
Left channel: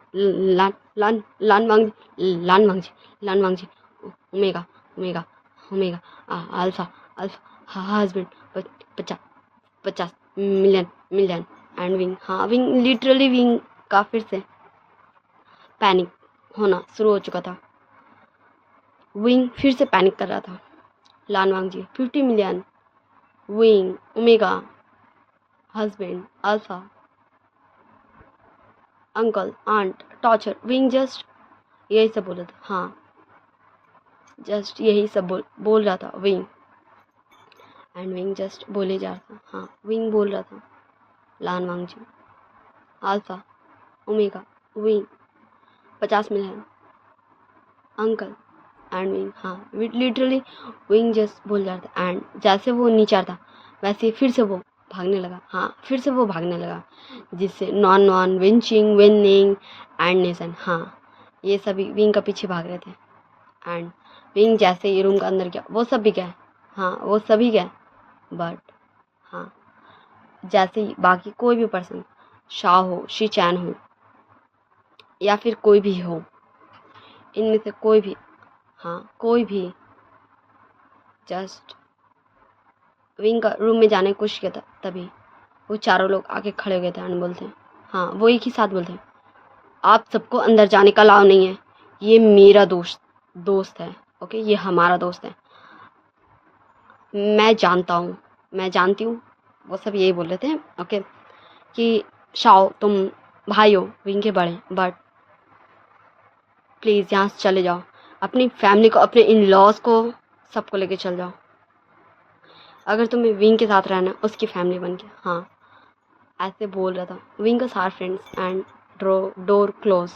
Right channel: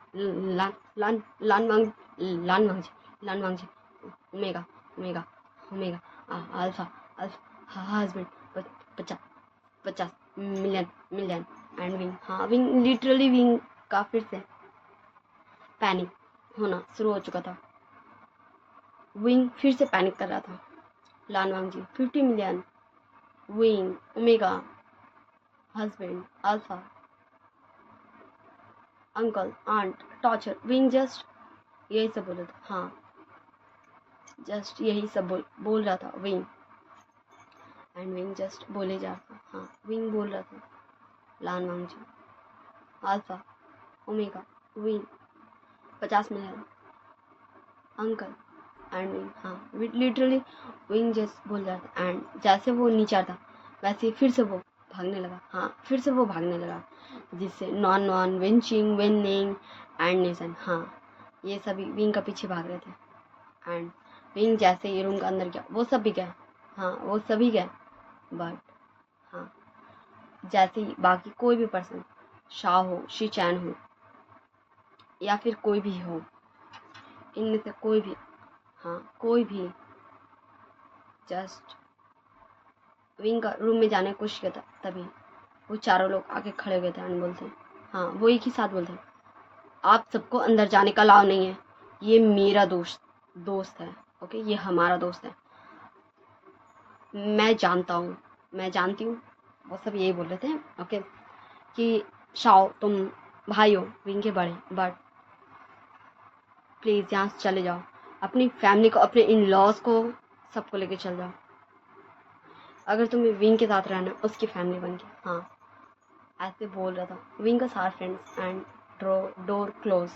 Lan Wang ji, omega omega omega, alpha alpha husband, 50 million and Wing, हाँ विंग लिटरली विंग का फिर से पैनिक होना शुरू हो चुका था। विंग फिर से पैनिक कर रहा था। लान वांग जी 50 million, Wing, omega, husband, alpha, uncle, aunt, torture, Wing just यही सब बोल रहा था, हाँ जस्ट यही सब बोल रहा था विंग एंड विंग जस्ट बोले जा रहा था, हाँ विंग बोल रहा था Lan Wang ji, alpha, omega, Wing, 50 million, uncle and Wing, हाँ लिटरली विंग जस्ट बोल रहा था एंड जैसे वो नीचे आता वैसे फिर से वो भागने लगा, हाँ फिर से वो भागने लगा, जिससे नॉन विंचिंग, विनिंग एंड नेशन, हाँ ये सभी विंग का पीछे भाग रहे थे एंड विंग जैसे ये रूम का अंदर गया वो सब भी गए, हाँ वो सभी गए, बट हाँ जैसे ही बाकी कोई भी पर्सन, शाह हो, शी चैन हो या फिर कोई भी हो, इनमें से कोई भी, हाँ कोई भी जस्ट विंग का रूम में जाने की कोशिश किया था, तभी वो चारों लोग आके खड़े हो गए थे एंड बोलते, हाँ वो एक ही साथ बोलते, आप सबको अंदर जाने का अलाउ नहीं है, ये मेरा दोस्त है, ओके ये हमारा दोस्त है, मैं जानती हूँ, वो सब यही बोल रहे थे, ओके कि शाओ तुम भाई हो विंग के बड़े, बट प्लीज़ यहाँ से चले जाओ, अपनी फैमिली को, अपने इन लॉज को सबको लेके चल जाओ, अगर तुम्हें विंग के साथ रहना उसकी फैमिली बन के, हाँ ऐसे बोल रहा था विंग का सारे friends and door close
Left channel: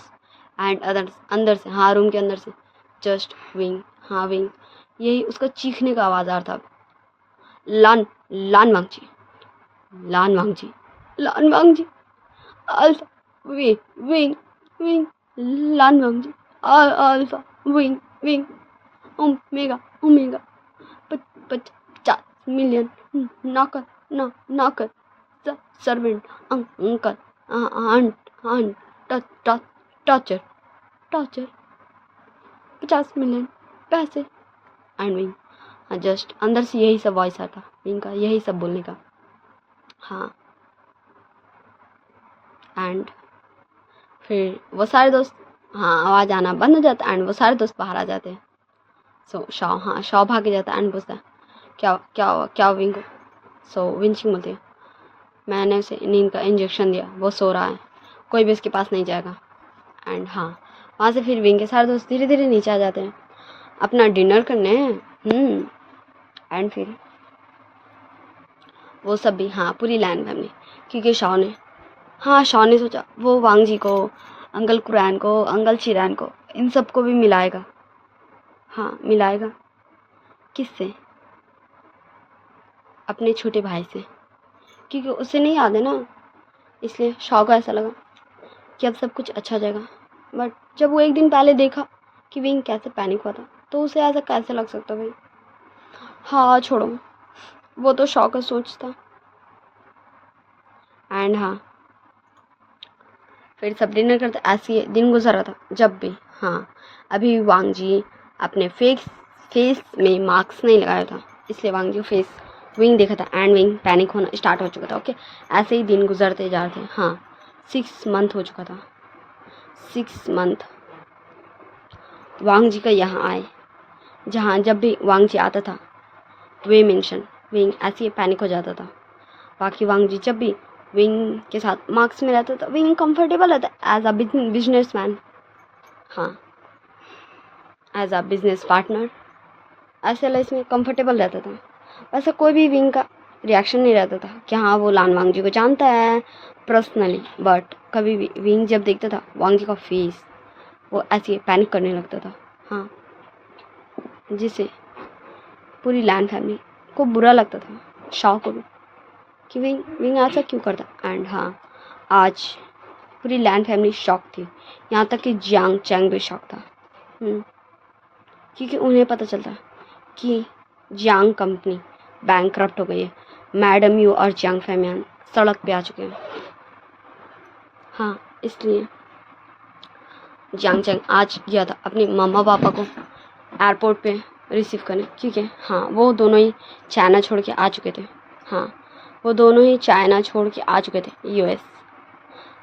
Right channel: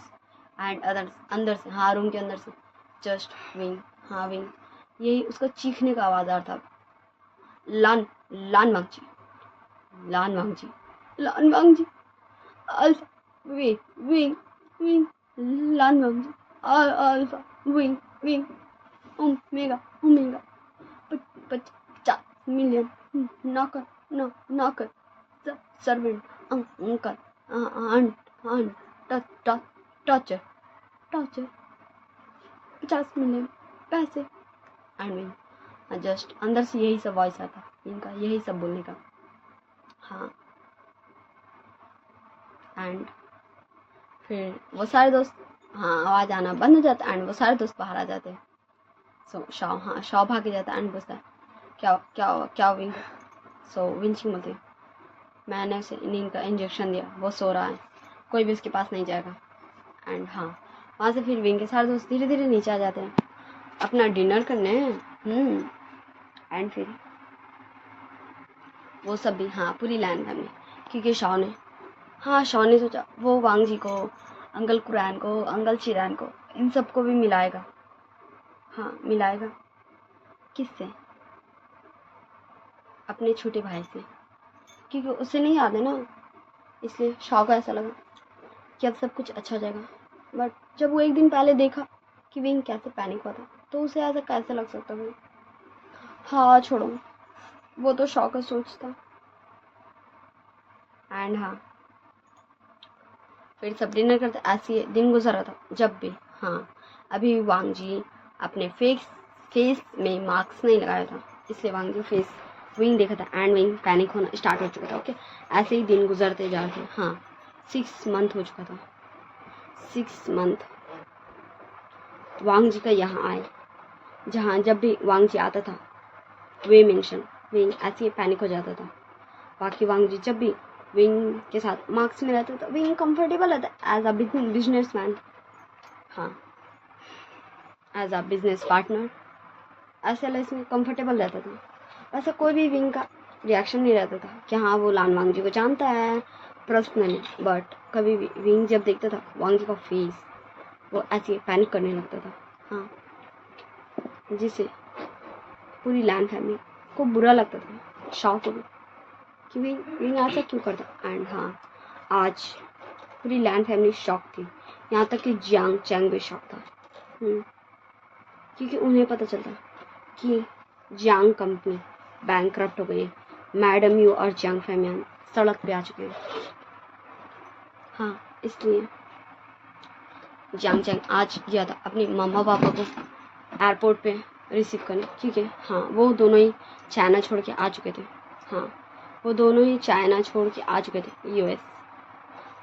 and others, अंदर से, हाँ रूम के अंदर से जस्ट विंग, हाँ विंग, यही उसका चीखने का आवाज़ आ रहा था, लान लान वांग जी, लान वांग जी, लान वांग ji, alpha, Wing Wing, Lan वांग ji, alpha, Wing Wing, omega omega, 50 million, नॉकर नॉकर, servant, uncle, aunt, torture, 50 million पैसे एंड विंग जस्ट अंदर से यही सब वॉइस आता विंग का, यही सब बोलने का, हाँ एंड फिर वो सारे दोस्त, हाँ आवाज़ आना बंद हो जाता एंड वो सारे दोस्त बाहर आ जाते हैं। सो शाओ, हाँ शाओ भाग जाता एंड पूछता है क्या क्या हुआ, क्या विंग को, सो विंचिंग बोलती है मैंने उसे नींद का इंजेक्शन दिया, वो सो रहा है, कोई भी उसके पास नहीं जाएगा एंड हाँ वहाँ से फिर विंग के सारे दोस्त धीरे धीरे नीचे आ जाते हैं अपना डिनर करने, एंड फिर वो सब भी, हाँ पूरी लैन फैमिली, क्योंकि शाओ ने सोचा वो वांग जी को, अंकल कुरैन को, अंकल चिरैन को, इन सबको भी मिलाएगा, हाँ मिलाएगा किससे, अपने छोटे भाई से, क्योंकि उसे नहीं याद है ना, इसलिए शाओ को ऐसा लगा कि अब सब कुछ अच्छा हो जाएगा, बट जब वो एक दिन पहले देखा कि विंग कैसे पैनिक हुआ था तो उसे ऐसा कैसे लग सकता भाई, हाँ छोड़ो वो तो शाओ का सोच था एंड हाँ फिर सब डिनर करते, ऐसे दिन गुजर रहा था जब भी, हाँ अभी वांग जी अपने फेस में मास्क नहीं लगाया था, इसलिए वांग जी फेस विंग देखा था एंड विंग पैनिक होना स्टार्ट हो चुका था, ओके ऐसे ही दिन गुजरते जा रहे थे, हाँ 6 मंथ हो चुका था, 6 मंथ वांग जी का यहाँ आए, जहाँ जब भी वांग जी आता था वे मेंशन विंग ऐसे ही पैनिक हो जाता था, बाकी वांग जी जब भी विंग के साथ मार्क्स में रहता था विंग कंफर्टेबल रहता एज अ बिजनेस मैन, हाँ एज अ बिजनेस पार्टनर ऐसे लाइफ में कंफर्टेबल रहता था, वैसा कोई भी विंग का रिएक्शन नहीं रहता था कि हाँ वो लान वांग जी को जानता है पर्सनली, बट कभी भी विंग जब देखता था वांग जी का फेस वो ऐसे पैनिक करने लगता था, हाँ जिससे पूरी लैंड फैमिली को बुरा लगता था, शाओ को भी कि विंग ऐसा क्यों करता एंड हाँ आज पूरी लैंड फैमिली शॉक थी, यहाँ तक कि जियांग चैंग भी शॉक था। क्योंकि उन्हें पता चलता कि जियांग कंपनी बैंकरप्ट हो गई है, मैडम यू और जियांग फैमियान सड़क पे आ चुके हैं। हाँ, इसलिए जियांग चैंग आज गया था अपने मम्मा पापा को एयरपोर्ट पे रिसीव करने, क्योंकि हाँ वो दोनों ही चाइना छोड़ के आ चुके थे। हाँ, वो दोनों ही चाइना छोड़ के आ चुके थे यूएस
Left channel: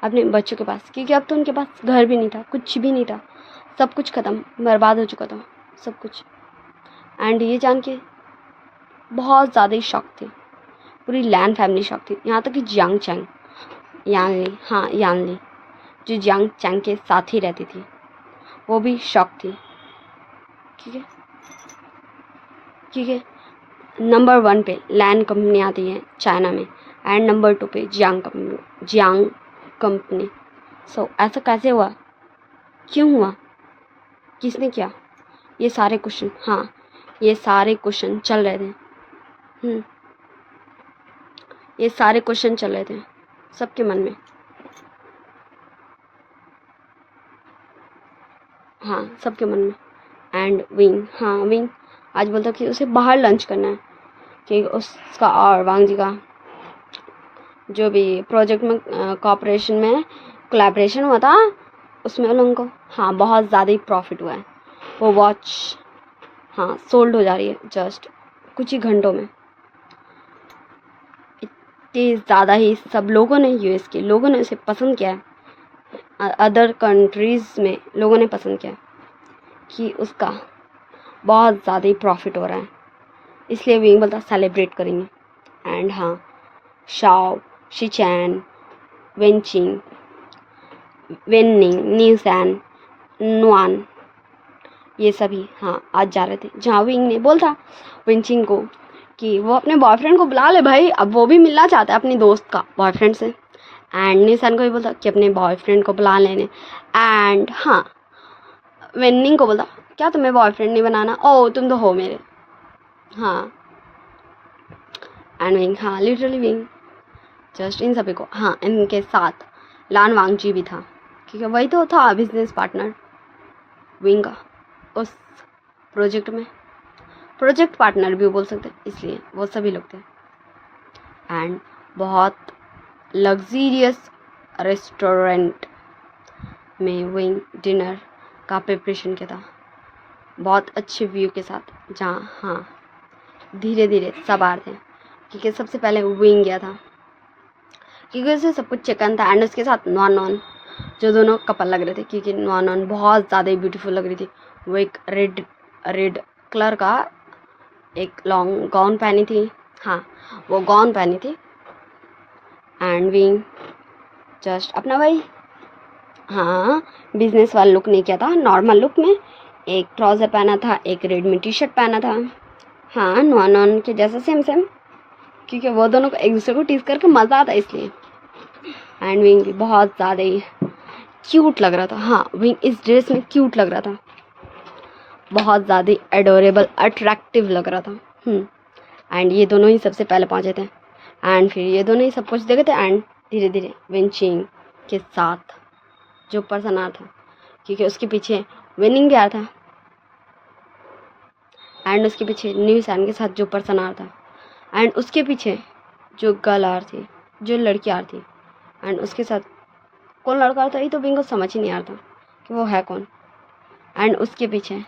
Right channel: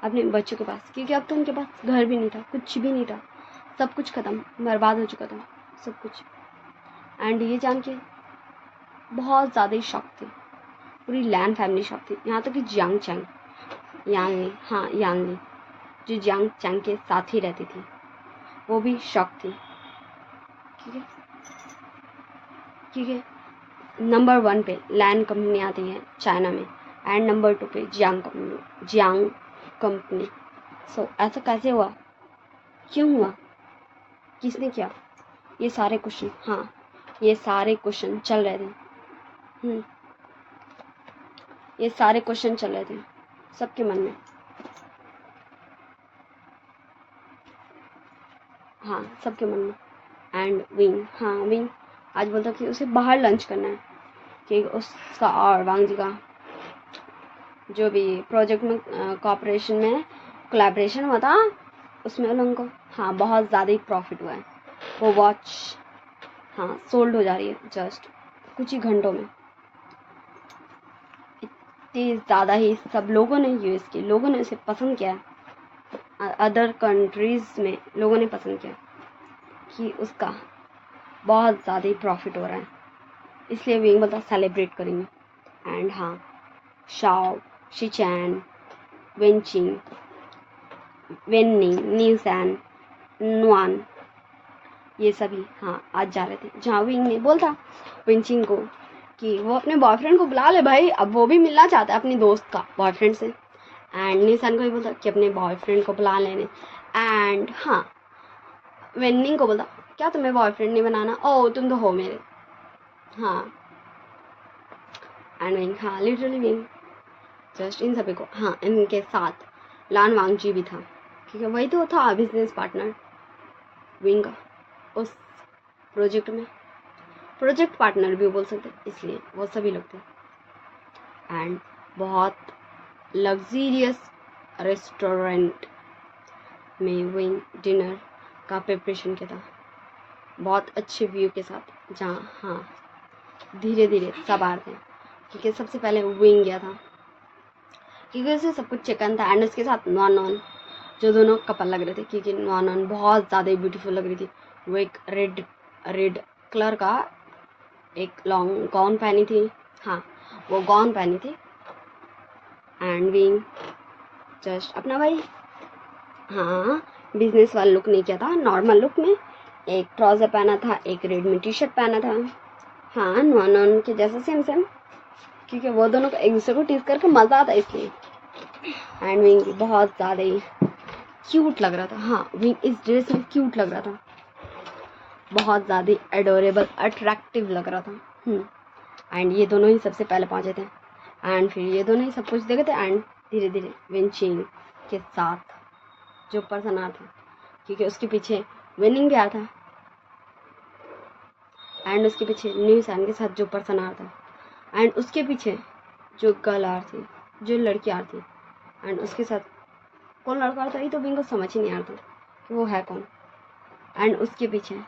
अपने बच्चों के पास, क्योंकि अब तो उनके पास घर भी नहीं था, कुछ भी नहीं था, सब कुछ ख़त्म, बर्बाद हो चुका था सब कुछ। एंड ये जान के बहुत ज़्यादा ही शॉक थी, पूरी लैन फैमिली शॉक थी, यहाँ तक कि जियांग चैंग यांगली, हाँ यांगली जो जियांग चैंग के साथ ही रहती थी वो भी शॉक थी। ठीक है, क्योंकि नंबर 1 पे लैन कंपनी आती है चाइना में एंड नंबर 2 पे जियांग कंपनी। सो ऐसा कैसे हुआ, क्यों हुआ, किसने किया, ये सारे क्वेश्चन, हाँ ये सारे क्वेश्चन चल रहे थे। ये सारे क्वेश्चन चल रहे थे सबके मन में। हाँ, सबके मन में। एंड विंग, हाँ विंग आज बोलता कि उसे बाहर लंच करना है, कि उसका और वांग जी का जो भी प्रोजेक्ट में कोऑपरेशन में कोलैबोरेशन हुआ था उसमें उन लोगों को हाँ बहुत ज़्यादा ही प्रॉफिट हुआ है। वो वॉच हाँ सोल्ड हो जा रही है जस्ट कुछ ही घंटों में। इतनी ज़्यादा ही सब लोगों ने, यूएस के लोगों ने उसे पसंद किया है, अदर कंट्रीज़ में लोगों ने पसंद किया कि उसका बहुत ज़्यादा ही प्रॉफिट हो रहा है, इसलिए विंग बोलता सेलिब्रेट करेंगे। एंड हाँ, शाओ, शिचैन, वेंचिंग, वेनिंग, न्यूसैन, नुआन, ये सभी हाँ आज जा रहे थे, जहाँ विंग ने बोल था वेंचिंग को कि वो अपने बॉयफ्रेंड को बुला ले भाई, अब वो भी मिलना चाहता है अपनी दोस्त का बॉयफ्रेंड से। एंड न्यूसैन को भी बोलता कि अपने बॉयफ्रेंड को बुला लेने। एंड हाँ, वेनिंग को बोलता क्या तुम्हें बॉयफ्रेंड नहीं बनाना, ओ तुम तो हो मेरे। हाँ, एंड विंग, हाँ लिटरली विंग जस्ट इन सभी को, हाँ इनके साथ लान वांग जी भी था, क्योंकि वही तो था बिजनेस पार्टनर विंग का उस प्रोजेक्ट में, प्रोजेक्ट पार्टनर भी बोल सकते, इसलिए वो सभी लोग थे। एंड बहुत लग्जीरियस रेस्टोरेंट में विंग डिनर का प्रिपरेशन किया था, बहुत अच्छे व्यू के साथ, जहाँ हाँ धीरे धीरे सब आ रहे थे, क्योंकि सबसे पहले विंग गया था, क्योंकि उसे सब कुछ चिकन था। एंड उसके साथ नॉन जो दोनों कपल लग रहे थे, क्योंकि नॉन बहुत ज़्यादा ही ब्यूटीफुल लग रही थी। वो एक रेड कलर का एक लॉन्ग गाउन पहनी थी, हाँ वो गाउन पहनी थी। एंड विंग जस्ट अपना भाई हाँ बिजनेस वाला लुक नहीं किया था, नॉर्मल लुक में एक ट्राउज़र पहना था, एक रेड में टी शर्ट पहना था, हाँ नॉन के जैसा सेम क्योंकि वो दोनों को एक दूसरे को टीज करके मज़ा आता इसलिए। एंड विंग भी बहुत ज़्यादा ही क्यूट लग रहा था, हाँ विंग इस ड्रेस में क्यूट लग रहा था, बहुत ज़्यादा एडोरेबल अट्रैक्टिव लग रहा था। एंड ये दोनों ही सबसे पहले पहुँचे थे, एंड फिर ये दोनों ही सब कुछ देखे थे। एंड धीरे धीरे विंचिंग के साथ जो पर्सन आ था, क्योंकि उसके पीछे विनिंग भी आया था, एंड उसके पीछे न्यू सैन के साथ जो पर्सन आ रहा था, एंड उसके पीछे जो गर्ल आ रही थी, जो लड़की आ रही थी, एंड उसके साथ कौन लड़का आ रहा था ये तो विंग को समझ ही नहीं आ रहा था कि वो है कौन। एंड उसके पीछे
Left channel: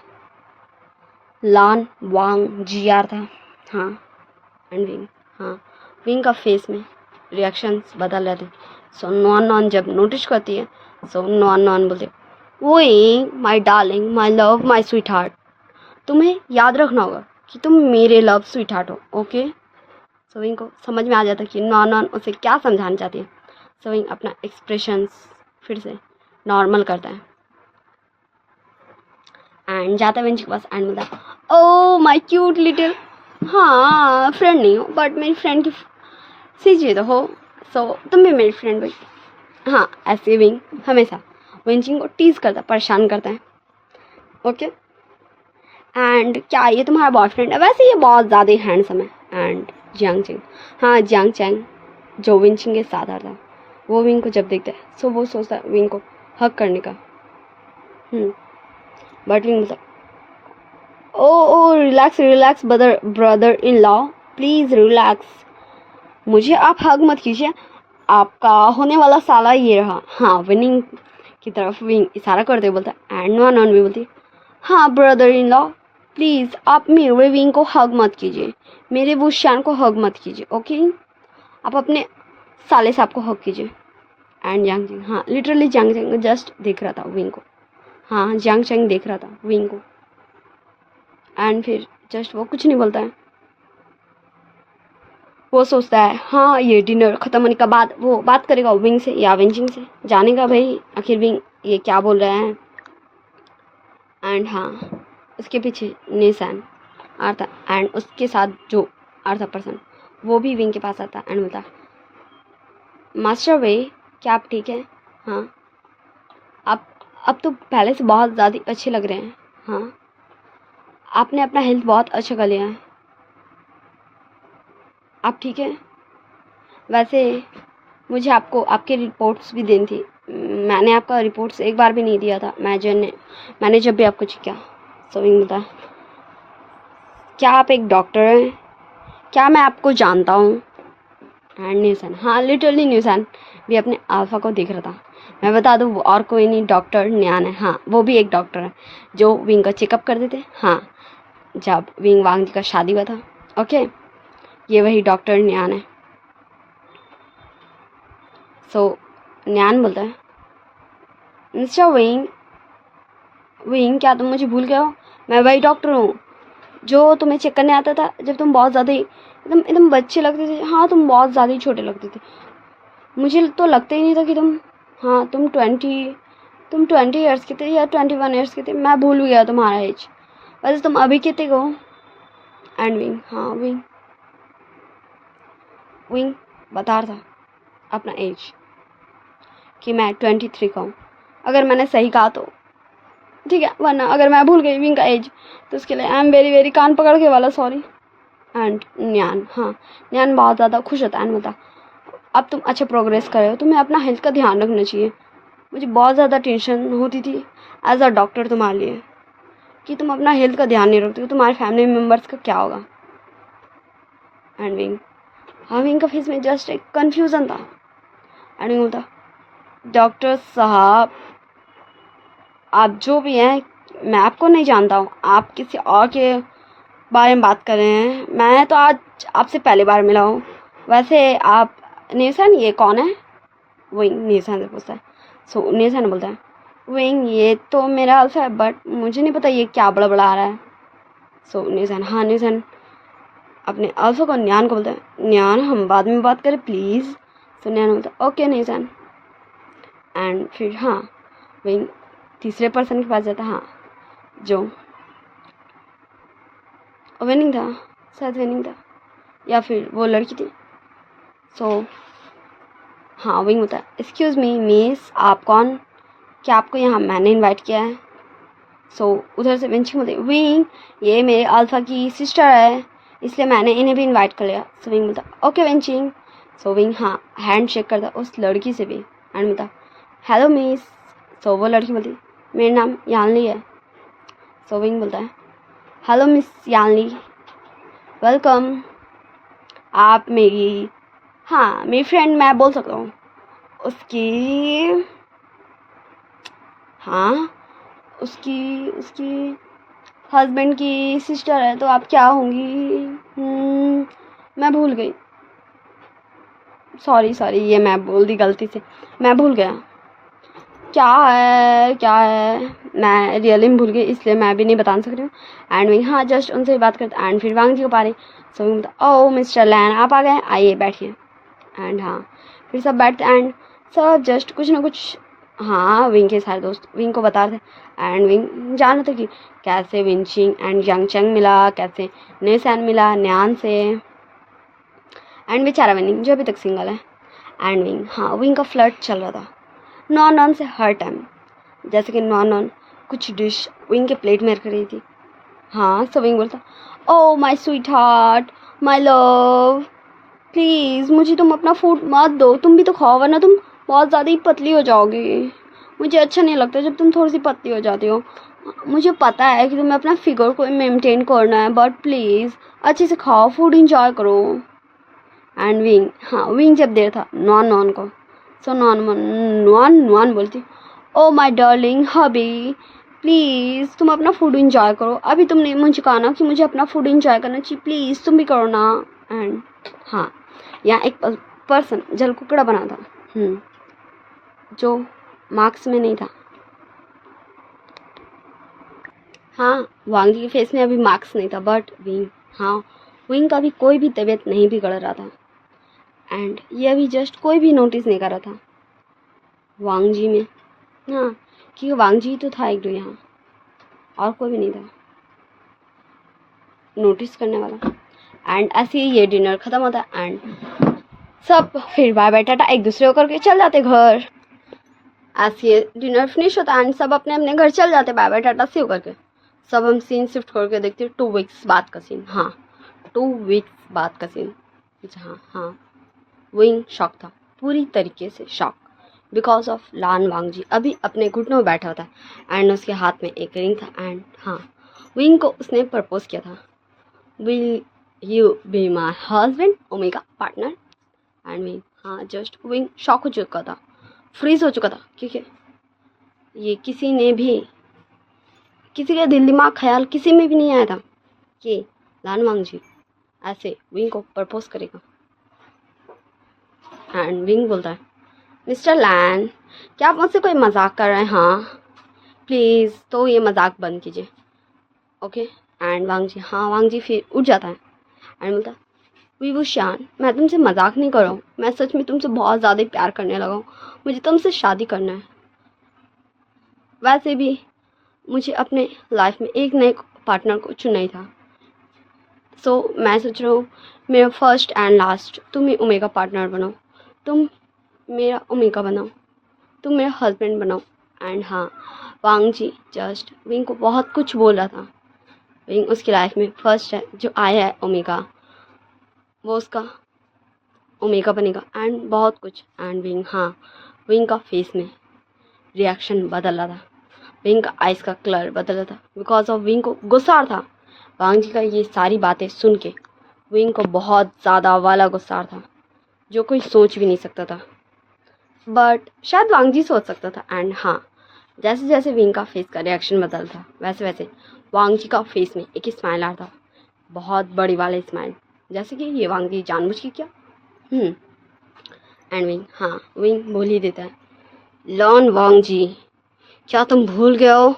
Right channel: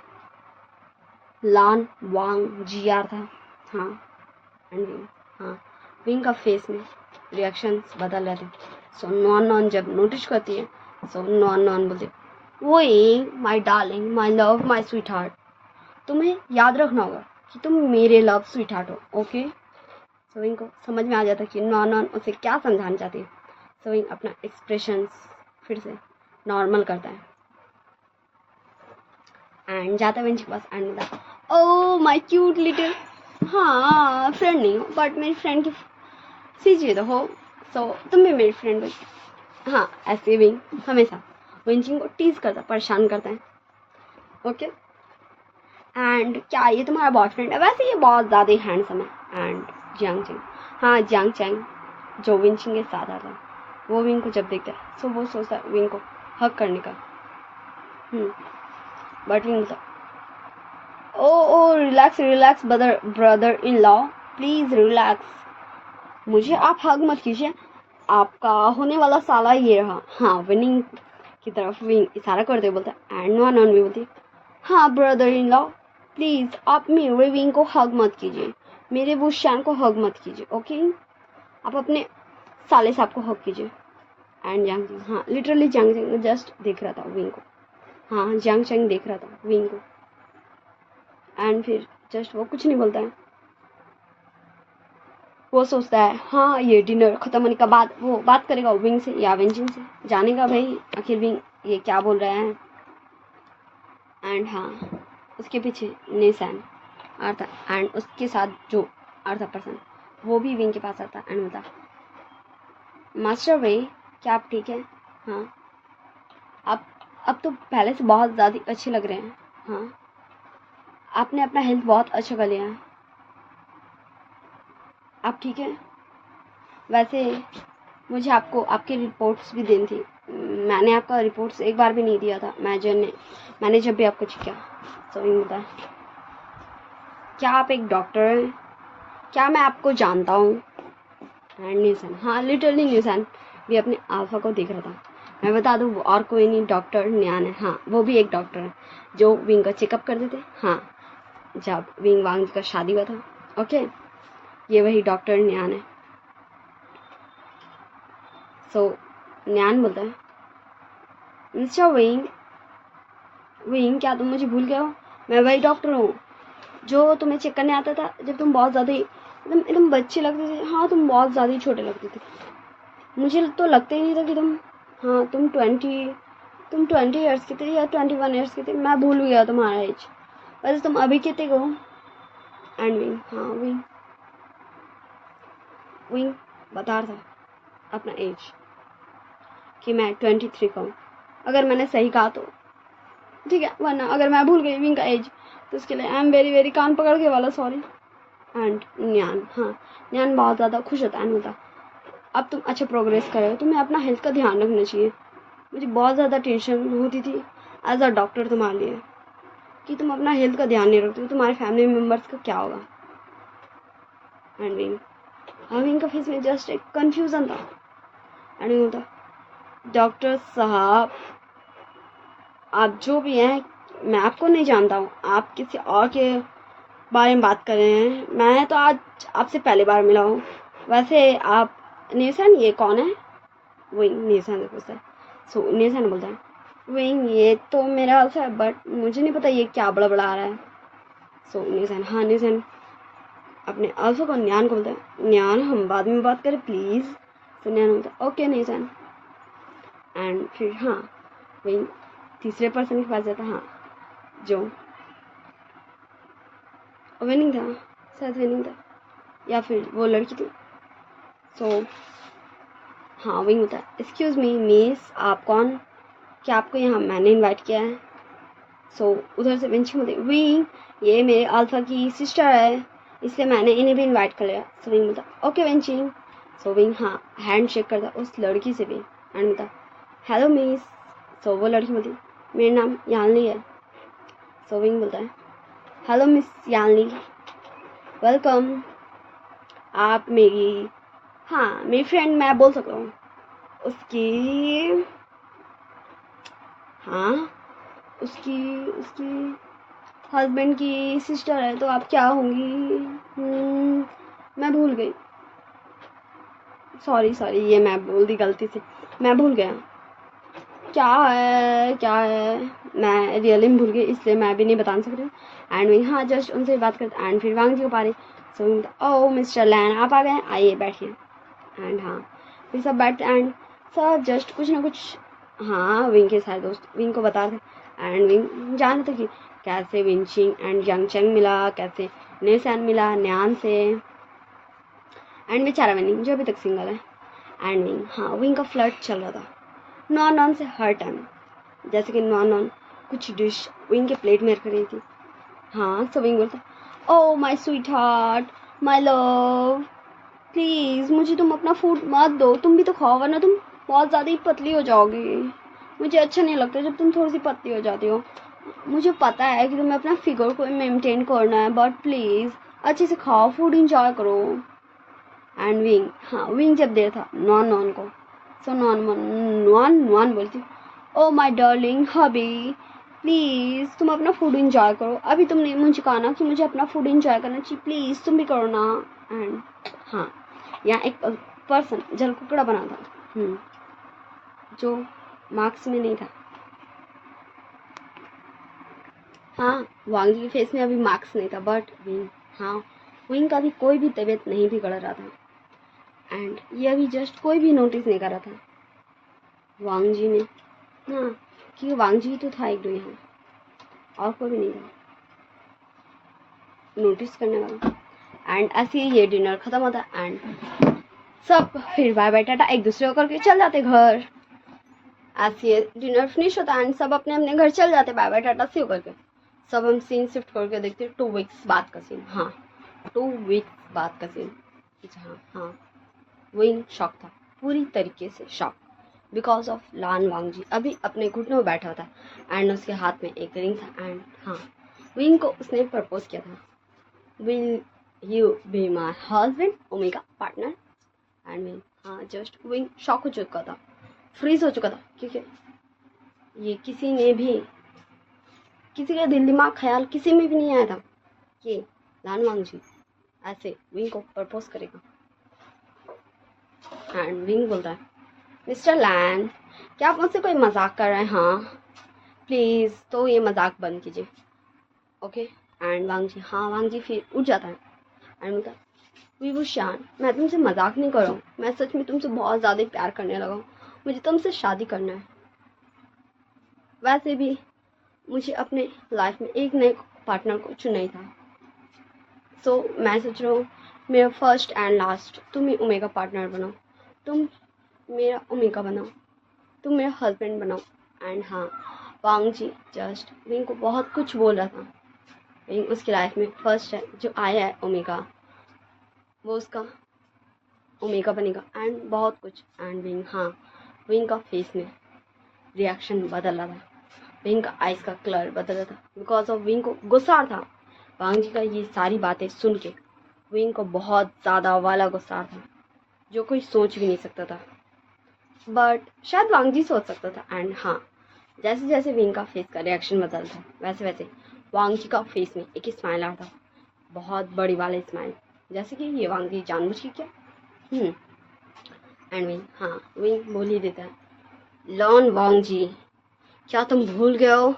लान वांग जी आ रहा था, हाँ एंड विंग, हाँ विंग का फेस में रिएक्शंस बदल रहे थे। सो नॉन जब नोटिस करती है, सो नॉन बोलते वही my darling, my love, my sweet heart, तुम्हें याद रखना होगा कि तुम मेरे लव स्वीट हार्ट हो, ओके। सो विंग को समझ में आ जाता कि नॉन उसे क्या समझाना चाहती है। सो विंग अपना एक्सप्रेशंस फिर से नॉर्मल करता है एंड जाता है विंच के पास एंड बोलता ओ माई क्यूट लिटिल, हाँ फ्रेंड नहीं हो बट मेरी फ्रेंड की सीजी तो हो, सो तुम भी मेरी फ्रेंड भाई। हाँ ऐसे विंग हमेशा विंचिंग को टीज करता, परेशान करता है, ओके। एंड क्या ये तुम्हारा बॉयफ्रेंड है, वैसे ये बहुत ज़्यादा ही हैंडसम है। एंड जियांग चैंग, हाँ जियांग चैंग जो विंचिंग के साथ आता है, वो विंग को जब देखता है सो वो सोचता है विंग को हक करने का, बट विंग बोलता oh relax relax brother in law, please relax. मुझे आप हग मत कीजिए, आपका होने वाला साला ये रहा। हाँ, विनिंग की तरफ विंग इशारा करते बोलता है एंड नॉन भी बोलती है हाँ ब्रदर इन लॉ, प्लीज़ आप मेरे विंग को हग मत कीजिए, मेरे वुशान को हग मत कीजिए, ओके? आप अपने साले साहब को हग कीजिए। एंड जांग चेंग, हाँ लिटरली जांग चेंग जस्ट देख रहा था विंग को। हाँ जांग चेंग देख रहा था विंग को। एंड फिर जस्ट वो कुछ नहीं बोलता है। वो सोचता है हाँ ये डिनर ख़त्म होने के बाद वो बात करेगा विंग से या वेंचिंग से, जानेगा भाई आखिर विंग ये क्या बोल रहे हैं। एंड हाँ उसके पीछे निशान आता एंड उसके साथ जो अर्था पर्सन वो भी विंग के पास आता एंड बोलता मास्टर भाई क्या आप ठीक है? हाँ आप अब तो पहले से बहुत ज़्यादा अच्छे लग रहे हैं। हाँ आपने अपना हेल्थ बहुत अच्छा कर लिया है, आप ठीक है? वैसे मुझे आपको आपके रिपोर्ट्स भी देनी थी, मैंने आपका रिपोर्ट्स एक बार भी नहीं दिया था, मैंने जब भी आपको चेक किया। सो विंग बोलता है क्या आप एक डॉक्टर हैं? क्या मैं आपको जानता हूँ? एंड न्यूसन, हाँ लिटरली न्यूसन भी अपने अल्फा को देख रहा था। मैं बता दूँ वो और कोई नहीं डॉक्टर न्यान है। हाँ वो भी एक डॉक्टर है जो विंग का चेकअप करते थे। हाँ जब विंग वांग जी का शादी हुआ था, ओके ये वही डॉक्टर न्यान है। सो न्यान बोलता है मिस्टर विंग क्या तुम मुझे भूल गए हो? मैं वही डॉक्टर हूँ जो तुम्हें चेक करने आता था जब तुम बहुत ज़्यादा ही एकदम एकदम बच्चे लगते थे। हाँ तुम बहुत ज़्यादा ही छोटे लगते थे, मुझे तो लगता ही नहीं था कि तुम 20 ईयर्स के थे या 21 ईयर्स के थे, मैं भूल गया तुम्हारा एज। वैसे तुम अभी कितने हो? एंड विंग, हाँ विंग बता रहा था अपना एज कि मैं 23 का हूँ। अगर मैंने सही कहा तो ठीक है, वरना अगर मैं भूल गई विंग का एज तो उसके लिए आई एम वेरी वेरी कान पकड़ के वाला सॉरी। एंड न्यान, हाँ न्यान बहुत ज़्यादा खुश होता है। बता अब तुम अच्छा प्रोग्रेस कर रहे हो, तुम्हें अपना हेल्थ का ध्यान रखना चाहिए। मुझे बहुत ज़्यादा टेंशन होती थी एज अ डॉक्टर तुम्हारे लिए कि तुम अपना हेल्थ का ध्यान नहीं रखते हो, तुम्हारे फैमिली मेम्बर्स का क्या होगा। एंड विंग, हाँ विंग का फेस में जस्ट एक कन्फ्यूज़न था। एंड विंग बोलता डॉक्टर साहब आप जो भी हैं मैं आपको नहीं जानता हूँ, आप किसी और के बारे में बात कर रहे हैं, मैं तो आज आपसे पहली बार मिला हूँ। वैसे आप नेसन ये कौन है? विंग नेसन से पूछता है। सो नेसन बोलता है विंग ये तो मेरा अल्फा है बट मुझे नहीं पता ये क्या बड़ा रहा है। सो नेसन, हाँ नेसन अपने अल्फा को न्यान को बोलता है न्यान हम बाद में बात करें प्लीज़। सो न्यान बोलता है ओके नेसन। एंड फिर हाँ विंग तीसरे पर्सन के पास जाता है, हाँ जो विनिंग था, शायद विनिंग था या फिर वो लड़की थी। सो हाँ विंग होता है एक्सक्यूज़ मी मिस आप कौन? क्या आपको यहाँ मैंने इनवाइट किया है? सो उधर से वेंचिंग बोलते विंग ये मेरे अल्फा की सिस्टर है इसलिए मैंने इन्हें भी इनवाइट कर लिया। सो विंग बोलता ओके वेंचिंग। सो विंग हाँ हैंड शेक करता उस लड़की से भी एंड बोलता हेलो मिस। सो वो लड़की बोलती मेरा नाम यानली है। सो विंग बोलता है हेलो मिस यानली वेलकम। आप मेरी, हाँ मेरी फ्रेंड मैं बोल सकता हूँ उसकी, हाँ उसकी उसकी हस्बैंड की सिस्टर है तो आप क्या होंगी? मैं भूल गई, सॉरी ये मैं बोल दी गलती से, मैं भूल गया क्या है मैं रियली भूल गई इसलिए मैं भी नहीं बता सकती हूँ। एंड विंग हाँ जस्ट उनसे ही बात करते एंड फिर वांग जी को पा रही। सो विंग ओ मिस्टर लैन आप आ गए, आइए बैठिए। एंड हाँ फिर सब बैठते एंड सब जस्ट कुछ ना कुछ हाँ विंग के सारे दोस्त विंग को बता रहे एंड विंग जान रहे थे कि कैसे विंचिंग एंड यांग चंग मिला, कैसे नेसान मिला न्यान से। एंड बेचारा विंग जो अभी तक सिंगल है। एंड विंग, हाँ विंग का फ्लर्ट चल रहा था नॉन से हर टाइम, जैसे कि नॉन कुछ डिश विंग के प्लेट में रख रही थी। हाँ सो विंग बोलता oh my sweet heart my love please मुझे तुम अपना फूड मत दो, तुम भी तो खाओ वरना तुम बहुत ज़्यादा ही पतली हो जाओगी। मुझे अच्छा नहीं लगता जब तुम थोड़ी सी पतली हो जाती हो, मुझे पता है कि तुम्हें अपना फिगर को मेंटेन करना है, बट प्लीज़ अच्छे से खाओ, फूड इंजॉय करो। एंड विंग, हाँ विंग जब देर था नॉन नॉन को, सो नॉन नॉन नॉन बोलती, ओ माय डार्लिंग हबी, प्लीज़ तुम अपना फूड इंजॉय करो, अभी तुमने मुझे कहा ना कि मुझे अपना फूड इंजॉय करना चाहिए, प्लीज़ तुम भी करो ना। एंड हाँ, यहाँ एक पर्सन जल कुकड़ा बना था, जो मार्क्स में नहीं था। हाँ, वांगी के फेस में अभी मार्क्स नहीं था, बट विंग, हाँ विंग का भी कोई भी तबीयत नहीं बिगड़ रहा था, एंड ये अभी जस्ट कोई भी नोटिस नहीं कर रहा था वांगजी में। हाँ, क्योंकि वांगजी तो था एक दो यहाँ, और कोई भी नहीं था नोटिस करने वाला। एंड ऐसे ही ये डिनर ख़त्म होता है, एंड सब फिर बाय बाय टाटा एक दूसरे को करके चल जाते घर। ऐसे ये डिनर फिनिश होता है एंड सब अपने अपने घर चल जाते बाय बाय टाटा सी करके। सब हम सीन शिफ्ट करके देखते 2 वीक्स बाद का सीन। हाँ, 2 वीक्स बाद का सीन, जहाँ हाँ विंग शॉक था, पूरी तरीके से शॉक, बिकॉज ऑफ लान वांगजी अभी अपने घुटनों में बैठा होता है एंड उसके हाथ में एक रिंग था। एंड हाँ, विंग को उसने प्रपोज किया था, will you be my husband omega partner. And Wing, हाँ जस्ट विंग शॉक हो चुका था, फ्रीज हो चुका था, क्योंकि ये किसी का दिल दिमाग ख्याल किसी में भी नहीं आया था कि लान वांगजी ऐसे विंग को प्रपोज करेगा। एंड विंग बोलता है, मिस्टर लैन, क्या आप मुझसे कोई मजाक कर रहे हैं? हाँ प्लीज़, तो ये मजाक बंद कीजिए, ओके। एंड वांगजी, हाँ वांगजी फिर उठ जाता है एंड बोलता है, विभूषण, मैं तुमसे मजाक नहीं कर रहा हूँ, मैं सच में तुमसे बहुत ज़्यादा प्यार करने लगा हूँ, मुझे तुमसे शादी करना है। वैसे भी मुझे अपने लाइफ में एक नए पार्टनर को चुनना ही था, सो मैं सोच रहा हूँ मेरा फर्स्ट एंड लास्ट तुम ही ओमेगा पार्टनर बनाओ, तुम मेरा ओमेगा बनाओ, तुम मेरा हस्बैंड बनाओ। एंड हाँ, वांगजी जस्ट विंग को बहुत कुछ बोल रहा था, विंग उसकी लाइफ में फर्स्ट है जो आया है ओमेगा, वो उसका ओमेगा बनेगा एंड बहुत कुछ। एंड विंग, हाँ विंग का फेस में रिएक्शन बदल रहा था, विंग का आइस का कलर बदल रहा था, बिकॉज ऑफ विंग को गुस्सा आ रहा था वांगजी का ये सारी बातें सुन के। विंग को बहुत ज़्यादा वाला गुस्सा आ रहा था, जो कोई सोच भी नहीं सकता था, बट शायद वांगजी सोच सकता था। एंड हाँ, जैसे जैसे विंग का फेस का रिएक्शन बदल था, वैसे वैसे वांगजी का फेस में एक स्माइल आ रहा था, बहुत बड़ी वाला स्माइल, जैसे कि ये वांगजी जानबूझ के क्या। एंड विंग, हाँ विंग बोल ही देता है, लॉन वांगजी, क्या तुम भूल गए हो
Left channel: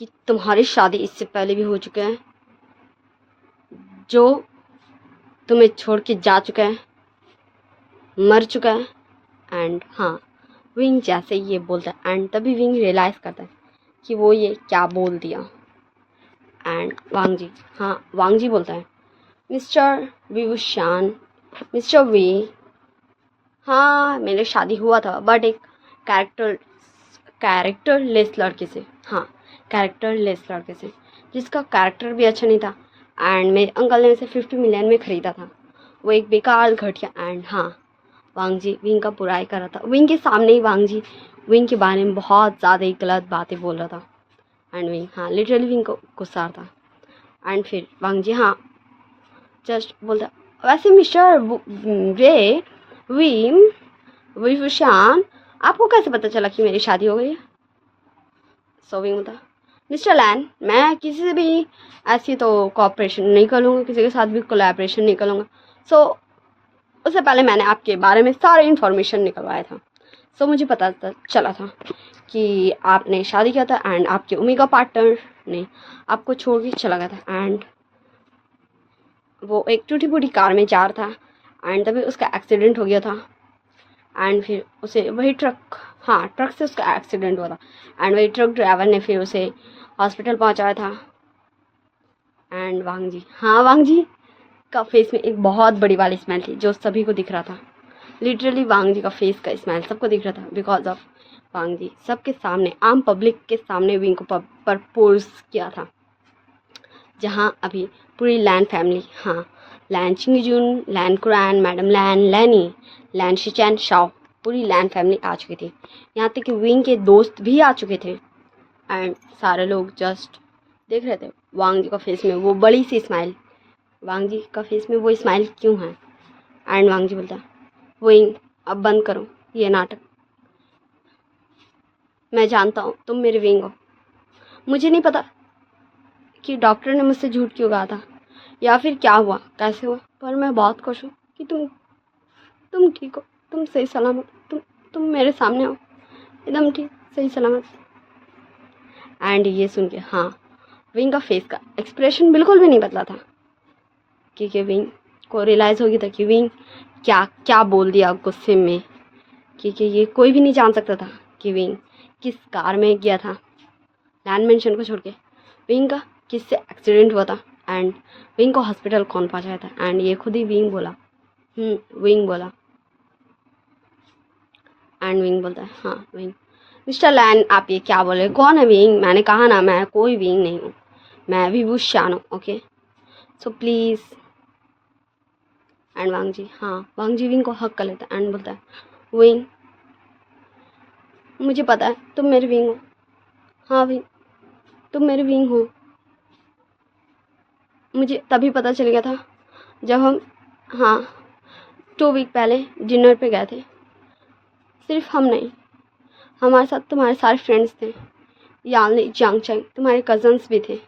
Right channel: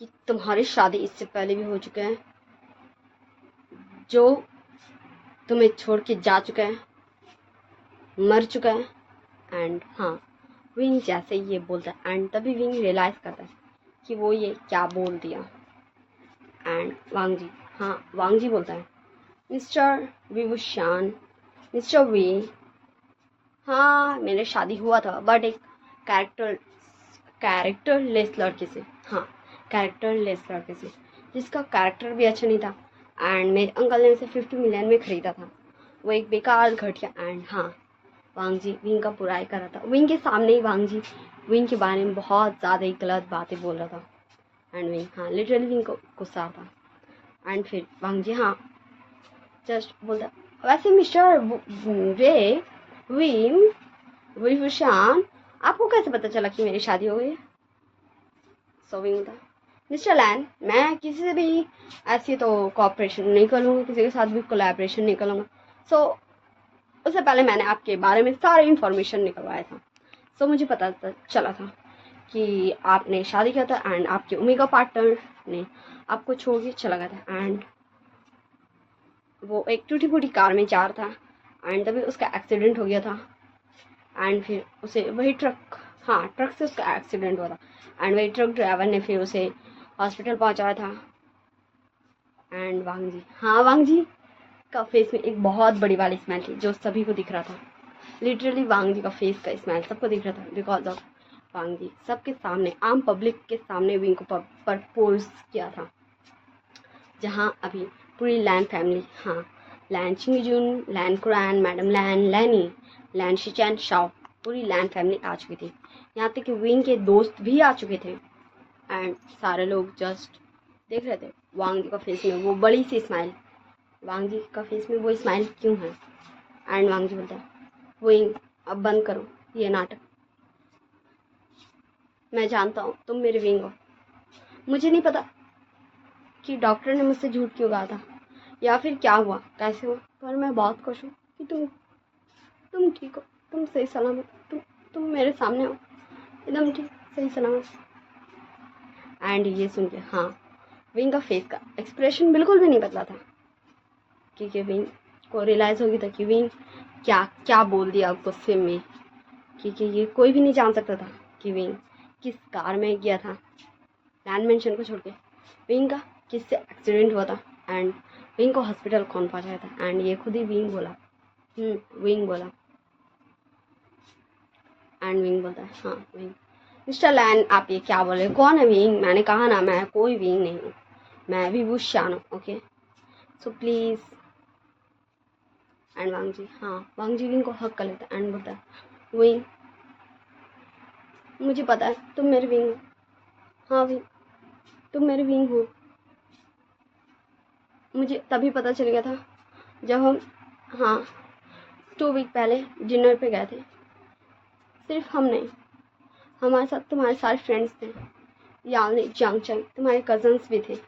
कि तुम्हारी शादी इससे पहले भी हो चुके हैं, जो तुम्हें छोड़ के जा चुका है, मर चुका है। एंड हाँ, विंग जैसे ये बोलता है एंड तभी विंग रियलाइज़ करता है कि वो ये क्या बोल दिया। एंड वांगजी, हाँ वांगजी बोलता है, मिस्टर विभूषण, मिस्टर वी, हाँ मेरे शादी हुआ था, बट एक कैरेक्टरलेस लड़के से, हाँ कैरेक्टरलेस लड़के से, जिसका कैरेक्टर भी अच्छा नहीं था एंड मेरे अंकल ने उसे 50 मिलियन में ख़रीदा था, वो एक बेकार घटिया। एंड हाँ, वांगजी विंग का बुराई कर रहा था, विंग के सामने ही वांगजी विंग के बारे में बहुत ज़्यादा ही गलत बातें बोल रहा था। एंड विंग, हाँ लिटरली विंग को गुस्सा था। एंड फिर वांगजी, हाँ जस्ट बोलता, वैसे मिस्टर रे विम विभूषण, आपको कैसे पता चला कि मेरी शादी हो गई है? सो विंग बोलता, मिस्टर लैन, मैं किसी से भी ऐसी तो कोऑपरेशन नहीं करूँगा, किसी के साथ भी कोलैबोरेशन नहीं करूँगा, सो उससे पहले मैंने आपके बारे में सारे इन्फॉर्मेशन निकलवाया था, सो मुझे पता चला था कि आपने शादी किया था एंड आपके ओमेगा पार्टनर ने आपको छोड़ के चला गया था, एंड वो एक टूटी फूटी कार में जा रहा था एंड तभी उसका एक्सीडेंट हो गया था। एंड फिर उसे वही ट्रक से उसका एक्सीडेंट हुआ था एंड वही ट्रक ड्राइवर ने फिर उसे हॉस्पिटल पहुंचाया था। एंड वांगजी, हाँ वांगजी का फेस में एक बहुत बड़ी वाली स्माइल थी जो सभी को दिख रहा था, लिटरली वांगजी का फेस का स्माइल सबको दिख रहा था, बिकॉज ऑफ वांगजी सबके सामने, आम पब्लिक के सामने विंग को प्रपोज किया था, जहाँ अभी पूरी लैन फैमिली, हाँ लैन चिंगजुन, लैन कुरान, मैडम लैन, लैनी, लैन शिचैन शाओ, पूरी लैन फैमिली आ चुकी थी, यहाँ तक कि विंग के दोस्त भी आ चुके थे। एंड सारे लोग जस्ट देख रहे थे वांग जी का फेस में वो बड़ी सी स्माइल, वांग जी का फेस में वो स्माइल क्यों है। एंड वांग जी बोलता है विंग अब बंद करो ये नाटक, मैं जानता हूँ तुम मेरे विंग हो, मुझे नहीं पता कि डॉक्टर ने मुझसे झूठ क्यों कहा था या फिर क्या हुआ कैसे हुआ, पर मैं बहुत खुश हूँ कि तुम ठीक हो, तुम सही सलामत, तुम मेरे सामने हो एकदम ठीक सही सलामत। एंड ये सुन के हाँ विंग का फेस का एक्सप्रेशन बिल्कुल भी नहीं बदला था, क्योंकि विंग को रियलाइज़ हो गया था कि विंग क्या क्या बोल दिया गुस्से में, क्योंकि ये कोई भी नहीं जान सकता था कि विंग किस कार में गया था लैंड मेंशन को छोड़ के, विंग का किससे एक्सीडेंट हुआ था एंड विंग को हॉस्पिटल कौन पहुंचाया था। एंड ये खुद ही विंग बोला, विंग बोला। एंड विंग बोलता है हाँ विंग, मिस्टर लैन आप ये क्या बोले, कौन है विंग, मैंने कहा ना मैं कोई विंग नहीं हूँ, मैं भी बुशान हूँ, ओके सो प्लीज़। एंड वांग जी हाँ वांग जी विंग को हक कर लेता है एंड बोलता है विंग मुझे पता है तुम मेरे विंग हो, हाँ विंग तुम मेरे विंग हो, मुझे तभी पता चल गया था जब हम हाँ 2 वीक पहले डिनर पे गए थे, सिर्फ हम नहीं हमारे साथ तुम्हारे सारे फ्रेंड्स थे, यानी जांगचाई तुम्हारे कजन्स भी थे।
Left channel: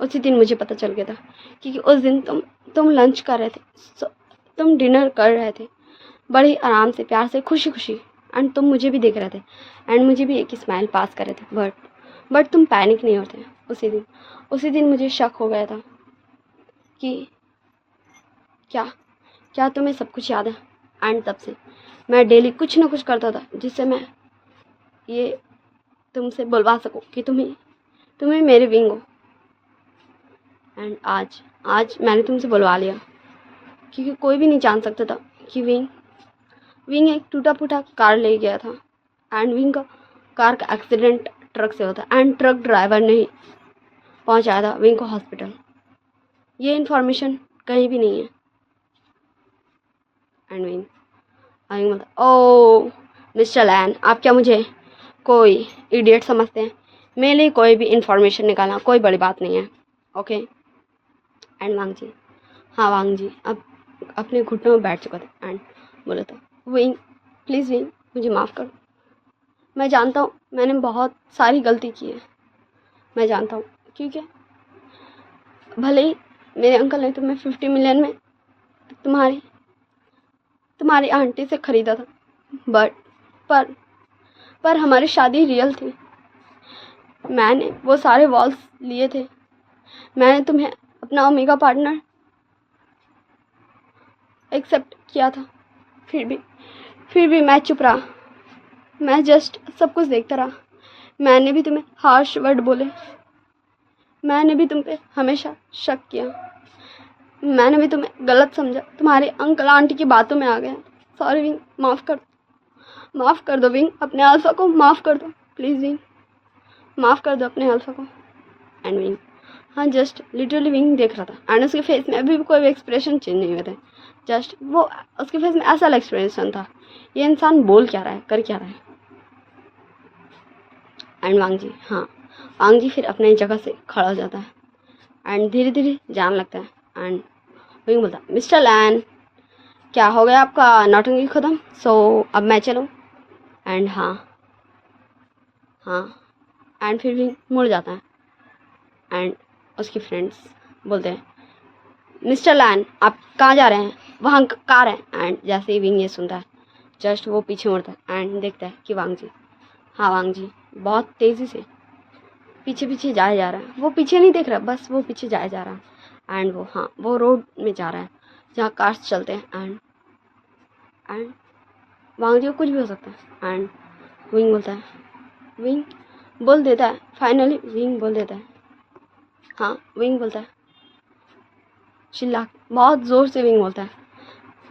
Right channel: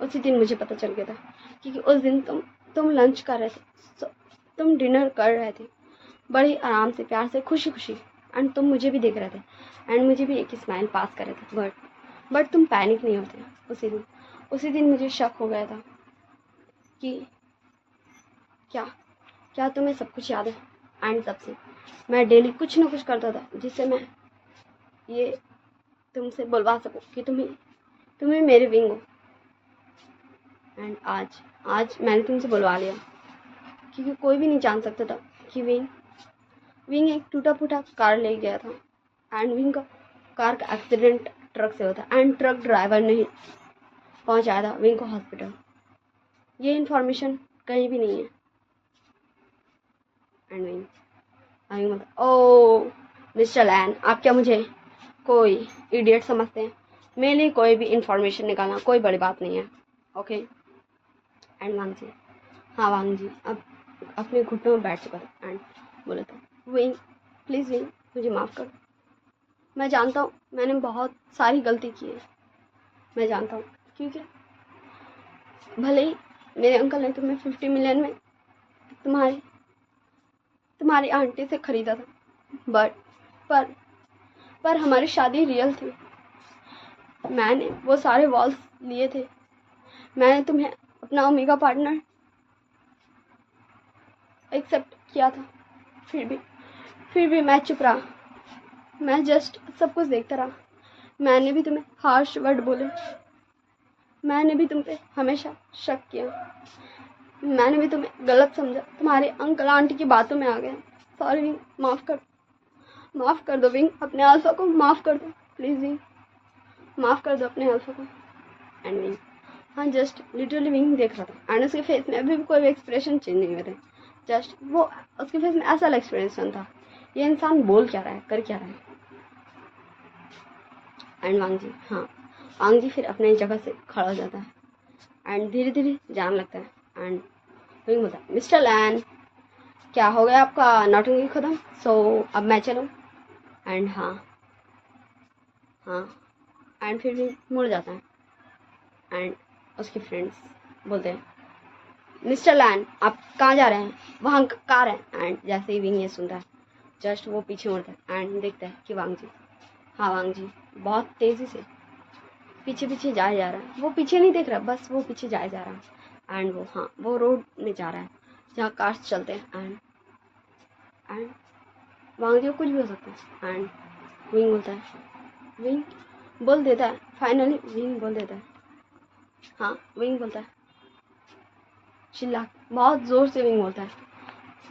उसी दिन मुझे पता चल गया था क्योंकि उस दिन तुम लंच कर रहे थे, तुम डिनर कर रहे थे बड़े आराम से प्यार से खुशी खुशी, एंड तुम मुझे भी देख रहे थे एंड मुझे भी एक स्माइल पास कर रहे थे, बट तुम पैनिक नहीं होते। उसी दिन मुझे शक हो गया था कि क्या क्या तुम्हें सब कुछ याद है। एंड तब से मैं डेली कुछ ना कुछ करता था जिससे मैं ये तुमसे बुलवा सकूं कि तुम्हें मेरे विंग हो। एंड आज मैंने तुमसे बुलवा लिया क्योंकि कोई भी नहीं जान सकता था कि विंग एक टूटा फूटा कार ले गया था एंड विंग का कार का एक्सीडेंट ट्रक से होता एंड ट्रक ड्राइवर ने ही पहुंचाया था विंग को हॉस्पिटल। ये इन्फॉर्मेशन कहीं भी नहीं है। एंड विंग ओ मिस्टर लैन आप क्या मुझे कोई इडियट समझते हैं, मेरे लिए कोई भी इंफॉर्मेशन निकालना कोई बड़ी बात नहीं है, ओके। एंड वांग जी हाँ वांग जी अब अपने घुटनों में बैठ चुका था एंड बोला था विंग प्लीज़ विंग मुझे माफ़ कर, मैं जानता हूँ मैंने बहुत सारी गलती की है, मैं जानता हूँ क्योंकि भले ही मेरे अंकल ने तुम्हें 50 मिलियन में तुम्हारी आंटी से ख़रीदा था, बट पर हमारी शादी रियल थी, मैंने वो सारे वॉल्स लिए थे, मैंने तुम्हें अपना ओमेगा पार्टनर एक्सेप्ट किया था, फिर भी मैं चुप रहा, मैं जस्ट सब कुछ देखता रहा, मैंने भी तुम्हें हार्श वर्ड बोले, मैंने भी तुम पे हमेशा शक किया, मैंने भी तुम्हें गलत समझा, तुम्हारे अंकल आंटी की बातों में आ गया, सॉरी विंग माफ़ कर दो विंग, अपने अल्फा को माफ़ कर दो प्लीज़ विंग, माफ़ कर दो अपने अल्फा को। एंड विंग हाँ जस्ट लिटरली विंग देख रहा था एंड उसके फेस में अभी भी कोई भी एक्सप्रेशन चेंज नहीं हुए थे, जस्ट वो उसके फेस में ऐसा एक्सप्रेशन था ये इंसान बोल क्या रहा है कर क्या रहा है। एंड वांग जी फिर अपने जगह से खड़ा हो जाता है एंड धीरे धीरे जाने लगता है एंड विंग बोलता है मिस्टर लैन क्या हो गया आपका नौटंकी खत्म, सो अब मैं चलूँ। एंड हाँ एंड फिर विंग मुड़ जाता है एंड उसके फ्रेंड्स बोलते हैं मिस्टर लैन आप कहाँ जा रहे हैं, वहाँ कार है। एंड जैसे ही विंग ये सुनता है जस्ट वो पीछे मुड़ता है एंड देखता है कि वांग जी बहुत तेज़ी से पीछे जाए जा रहा है, वो पीछे नहीं देख रहा बस वो पीछे जाए जा रहा है एंड वो रोड में जा रहा है जहाँ कार्स चलते हैं एंड वांग जी को कुछ भी हो सकता है। एंड विंग बोल देता है फाइनली विंग बोल देता है विंग बोलता है चिल्ला बहुत ज़ोर से विंग बोलता है,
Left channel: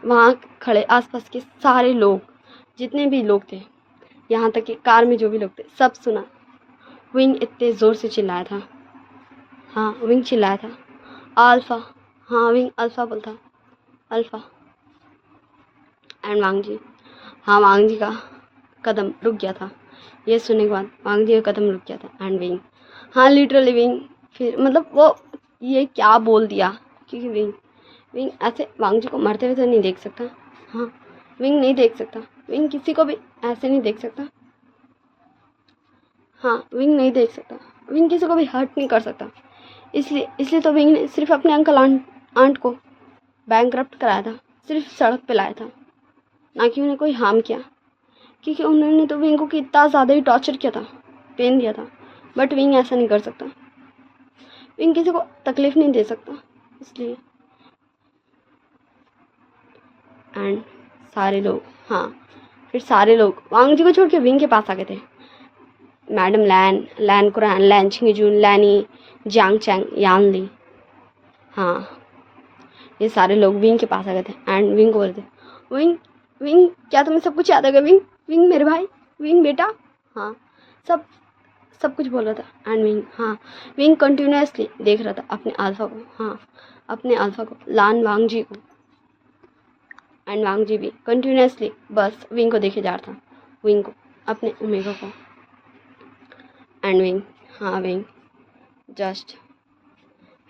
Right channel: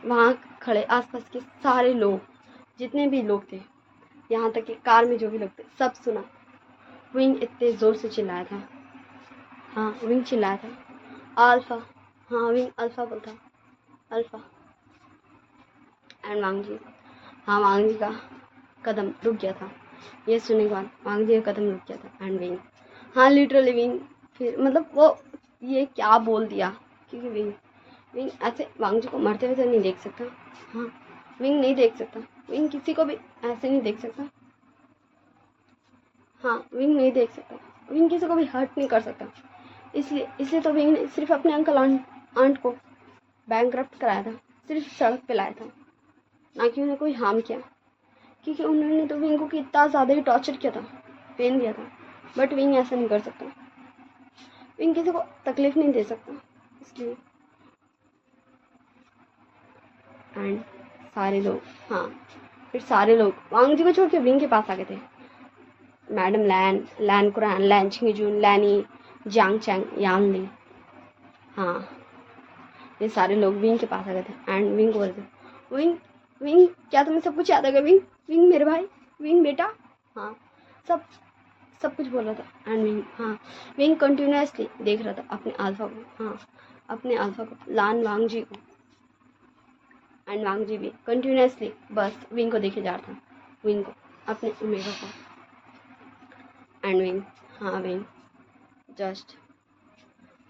वहाँ खड़े आसपास के सारे लोग जितने भी लोग थे यहाँ तक कि कार में जो भी लोग थे सब सुना, विंग इतने ज़ोर से चिल्लाया था, विंग चिल्लाया था अल्फ़ा, विंग अल्फ़ा बोलता अल्फ़ा। एंड वांग जी का कदम रुक गया था ये सुनने के बाद वांग जी का कदम रुक गया था। एंड विंग, हाँ लिटरली विंग, फिर मतलब वो ये क्या बोल दिया, क्योंकि विंग विंग ऐसे वांग जी को मरते हुए तो नहीं देख सकता। हाँ विंग नहीं देख सकता, विंग किसी को भी ऐसे नहीं देख सकता। हाँ विंग नहीं देख सकता, विंग किसी को भी हर्ट नहीं कर सकता। इसलिए इसलिए तो विंग ने सिर्फ अपने अंकल आंट को बैंकरप्ट कराया था, सिर्फ सड़क पे लाया था, ना कि उन्हें कोई हार्म किया। क्योंकि उन्होंने तो विंग को कितना ज़्यादा ही टॉर्चर किया था, पेन दिया था। बट विंग ऐसा नहीं कर सकता, विंग किसी को तकलीफ नहीं दे सकता। इसलिए एंड सारे लोग, हाँ फिर सारे लोग वांग जी को छोड़ के विंग के पास आ गए थे। मैडम लैन, लैन कुरान, लैन छिंगजून, लैनी, जियांग चैंग, यान ली, हाँ ये सारे लोग विंग के पास आ गए थे। एंड विंग को बोलते, विंग विंग क्या तुम्हें सब कुछ याद आ गया? विंग विंग मेरे भाई, विंग बेटा, हाँ सब सब कुछ बोल रहा था। एंड विंग, हाँ विंग कंटिन्यूसली देख रहा था अपने अल्फा को, हाँ अपने अल्फा को, लान वांग जी को। एंड वांग जी भी कंटिन्यूसली बस विंग को देखे जा रहा था, विंग को, अपने ओमेगा को। एंड विंग, हाँ विंग जस्ट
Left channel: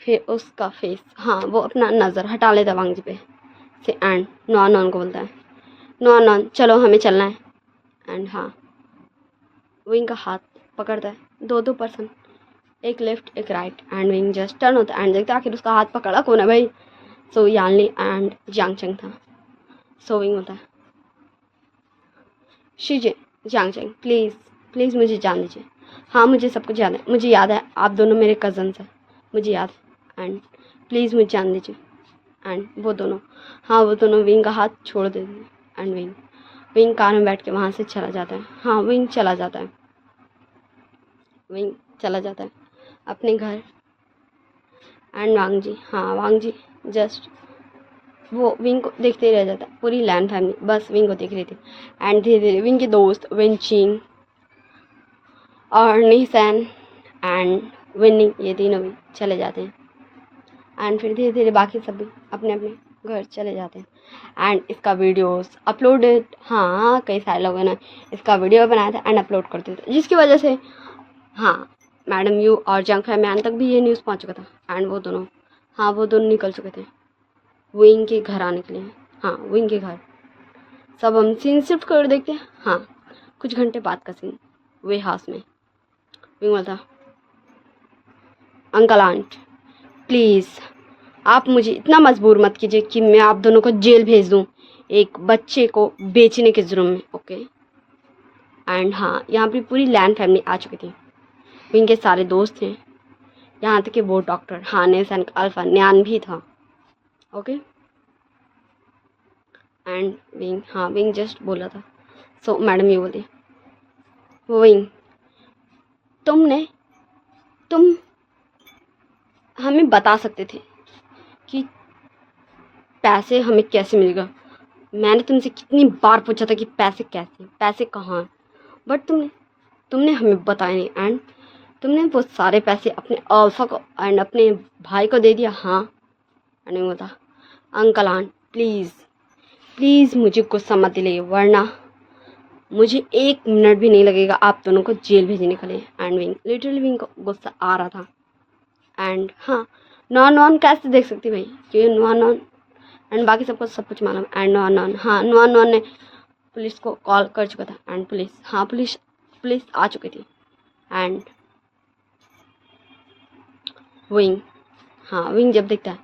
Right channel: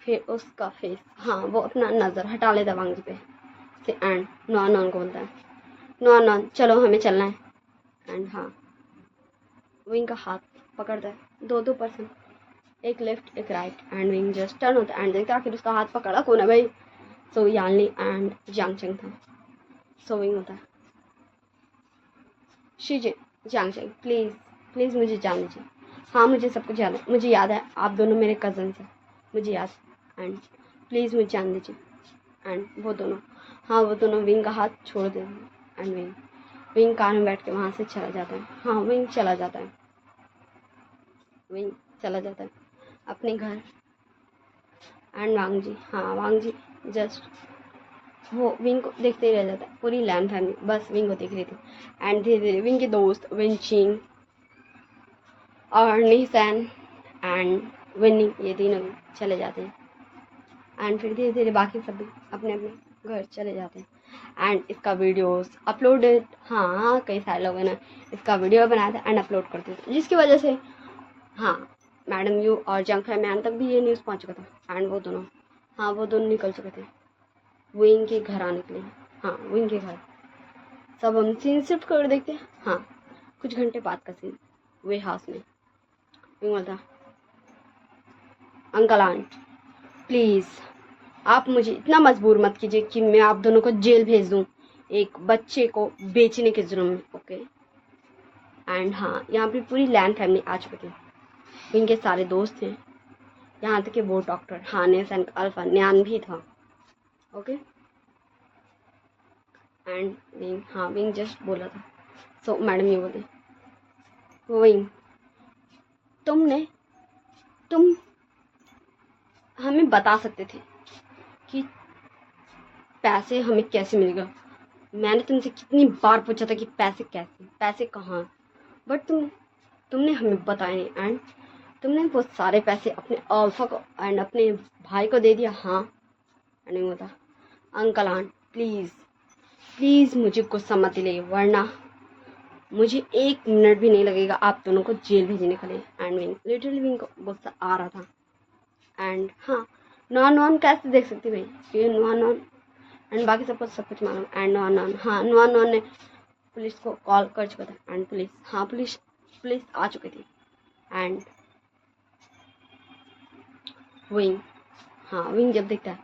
फिर उसका फेस, हाँ वो अपना नज़र हटा लेता वांग जी पे से। एंड नॉन नॉन को बोलता है, नॉन नॉन चलो हमें चलना है। एंड हाँ विंग का हाथ पकड़ता है, दो पर्सन, एक लेफ्ट एक right. And Wing just turn होता है एंड देखता है आखिर उसका हाथ पकड़ा कौन है भाई। सो यानली एंड जियांग चंग था। सो विंग होता है, शीजे जियांग चंग प्लीज़ प्लीज़ मुझे जान दीजिए, हाँ मुझे सब कुछ याद है, मुझे याद है आप दोनों मेरे कज़न्स हैं, मुझे याद है। एंड प्लीज़ मुझे जान दीजिए। एंड वो दोनों, हाँ वो दोनों विंग का हाथ छोड़ देते हैं। एंड विंग विंग कार में बैठ के वहाँ से चला जाता है, हाँ विंग चला जाता है, विंग चला जाता है अपने घर। एंड वांग जी, हाँ वांग जी जस्ट वो विंग को देखते ही रह जाता है। पूरी लैंड फैमिली बस विंग को देख रही थी। एंड धीरे धीरे विंग के दोस्त वेंचिंग और नीसन एंड विनिंग, ये तीनों भी चले जाते हैं। एंड फिर धीरे धीरे बाकी सब भी अपने अपने घर चले जाते हैं। एंड इसका वीडियोस अपलोडेड, हाँ कई सारे लोगों ने इसका वीडियो बनाया था एंड अपलोड करते थे, जिसकी वजह से हाँ मैडम यू और जंग फैमियान तक भी ये न्यूज़ पहुंच चुका था। एंड वो दोनों, हाँ वो दोनों निकल चुके थे विंग के घर आने के लिए। हाँ विंग के घर सब हम सीन शिफ्ट कर देखते हैं। हाँ कुछ घंटे बाद का सीन, वे हाउस में विंग बोलता, अंकल आंट प्लीज़ आप मुझे इतना मजबूर मत कीजिए कि मैं आप दोनों को जेल भेज दूँ एक बच्चे को बेचने के जुर्म में, ओके। एंड हाँ यहाँ पे पूरी लैंड फैमिली आ चुकी थी, विंग के सारे दोस्त थे, यहाँ तक कि वो डॉक्टर हानेस एंड अल्फा न्यान भी था, ओके। एंड विंग, हाँ विंग जस्ट बोला था। सो मैडम ये बोली, विंग तुम हमें बता सकते थे कि पैसे हमें कैसे मिलेगा। मैंने तुमसे कितनी बार पूछा था कि पैसे कैसे, पैसे कहाँ, बट तुमने हमें बताया नहीं। एंड तुमने वो सारे पैसे अपने अल्फा को एंड अपने भाई को दे दिया, हाँ। एंड मैं बता, अंकल आंट प्लीज़ मुझे गुस्सा मत दिलाइए, वरना मुझे 1 मिनट भी नहीं लगेगा आप दोनों को जेल भेजने के लिए। एंड विंग, लिटरली विंग को गुस्सा आ रहा था। एंड हाँ नॉन नॉन कैसे देख सकती भाई, क्योंकि नॉन नॉन एंड बाकी सबको सब कुछ मालूम। एंड नॉन नॉन, हाँ नॉन नॉन ने पुलिस को कॉल कर चुका था। एंड पुलिस, हाँ पुलिस आ चुकी थी। एंड विंग, हाँ विंग जब देखता है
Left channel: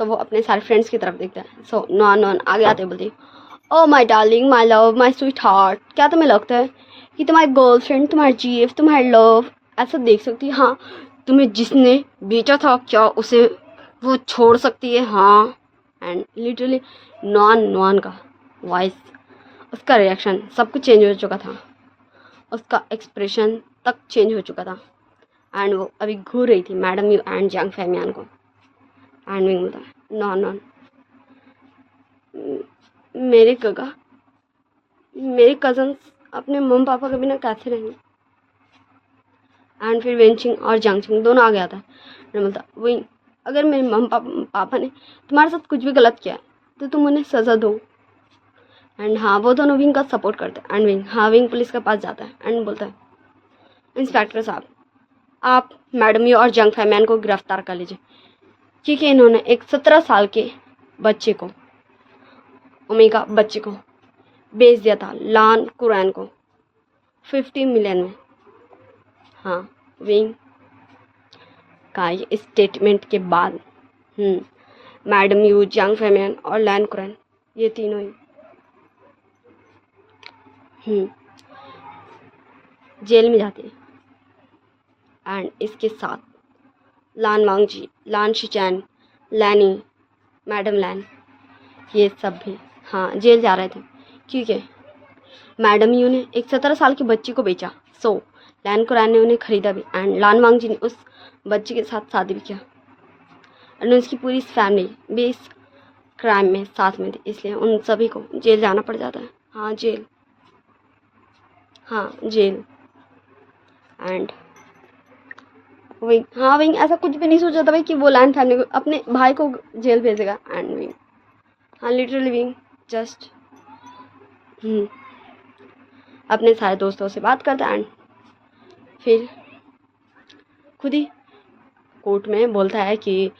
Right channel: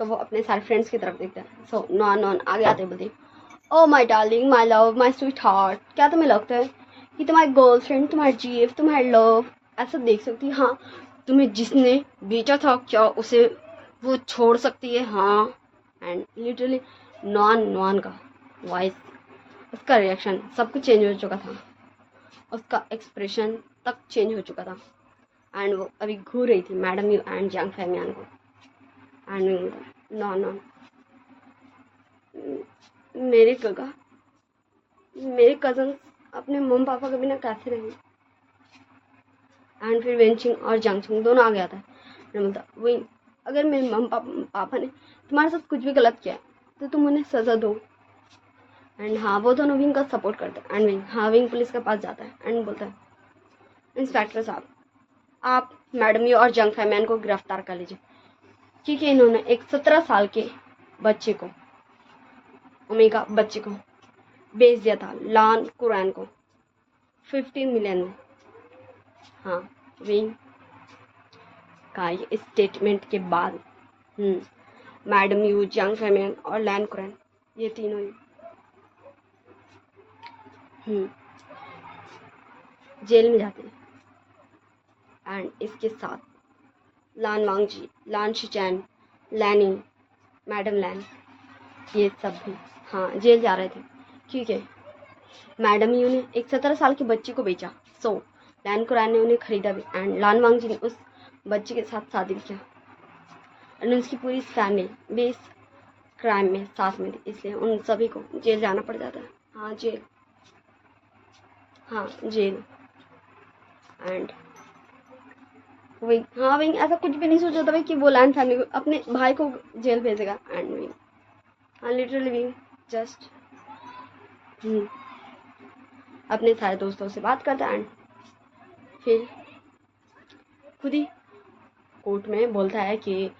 तो वो अपने सारे फ्रेंड्स की तरफ देखता है। सो नॉन नॉन आगे आते बोलती, ओ my darling, my love, my sweet heart, क्या तुम्हें लगता है कि तुम्हारी गर्लफ्रेंड, तुम्हारी जीएफ, तुम्हारी लव ऐसा देख सकती है? हाँ तुम्हें जिसने बेचा था क्या उसे वो छोड़ सकती है? हाँ। एंड लिटरली नॉन का वॉइस, उसका रिएक्शन सब कुछ चेंज हो चुका था, उसका एक्सप्रेशन तक चेंज हो चुका था। एंड वो अभी घूर रही थी मैडम यू एंड जंग फैमियान को। एंड विंग होता है, नॉन मेरे गगा, मेरे कज़न्स अपने मम्मी पापा के बिना कैसे रहेंगे? एंड फिर वेंचिंग और जंगचिंग दोनों आ गया था। बोलता, विंग अगर मेरे मम्मी पापा ने तुम्हारे साथ कुछ भी गलत किया तो तुम उन्हें सज़ा दो। एंड हाँ वो दोनों विंग का सपोर्ट करते हैं। एंड विंग, हाँ विंग पुलिस के पास जाता है एंड बोलता है, इंस्पेक्टर साहब, आप मैडम यू और जंग फैमियन को गिरफ्तार कर लीजिए, क्योंकि इन्होंने एक 17 साल के बच्चे को, ओमेगा बच्चे को बेच दिया था लान कुरैन को 50 मिलियन में। हाँ, विंग का ये स्टेटमेंट के बाद मैडम यू, जंग फैमियन और लैन कुरैन, ये तीनों ही जेल में जाते हैं। एंड इसके साथ लान वांगजी, लान शिचैन, लैनी, मैडम लैन, ये सब भी जेल जा रहे थे, क्योंकि मैडम यू ने एक 17 साल के बच्चे को बेचा, सो लैन कुरैन ने उन्हें खरीदा भी, एंड लान वांगजी ने उस बच्चे के साथ शादी भी किया, एंड उसकी पूरी फैमिली भी इस क्राइम में साथ में थी, इसलिए उन सभी को जेल जाना पड़ जाता है। जेल। एंड विंग ऐसा कुछ भी नहीं सोचा था भाई कि वो लैन फैमिली को, अपने भाई को जेल भेजेगा। And wing literally Wing just अपने सारे दोस्तों से बात करता है, एंड फिर खुद ही कोर्ट में बोलता है कि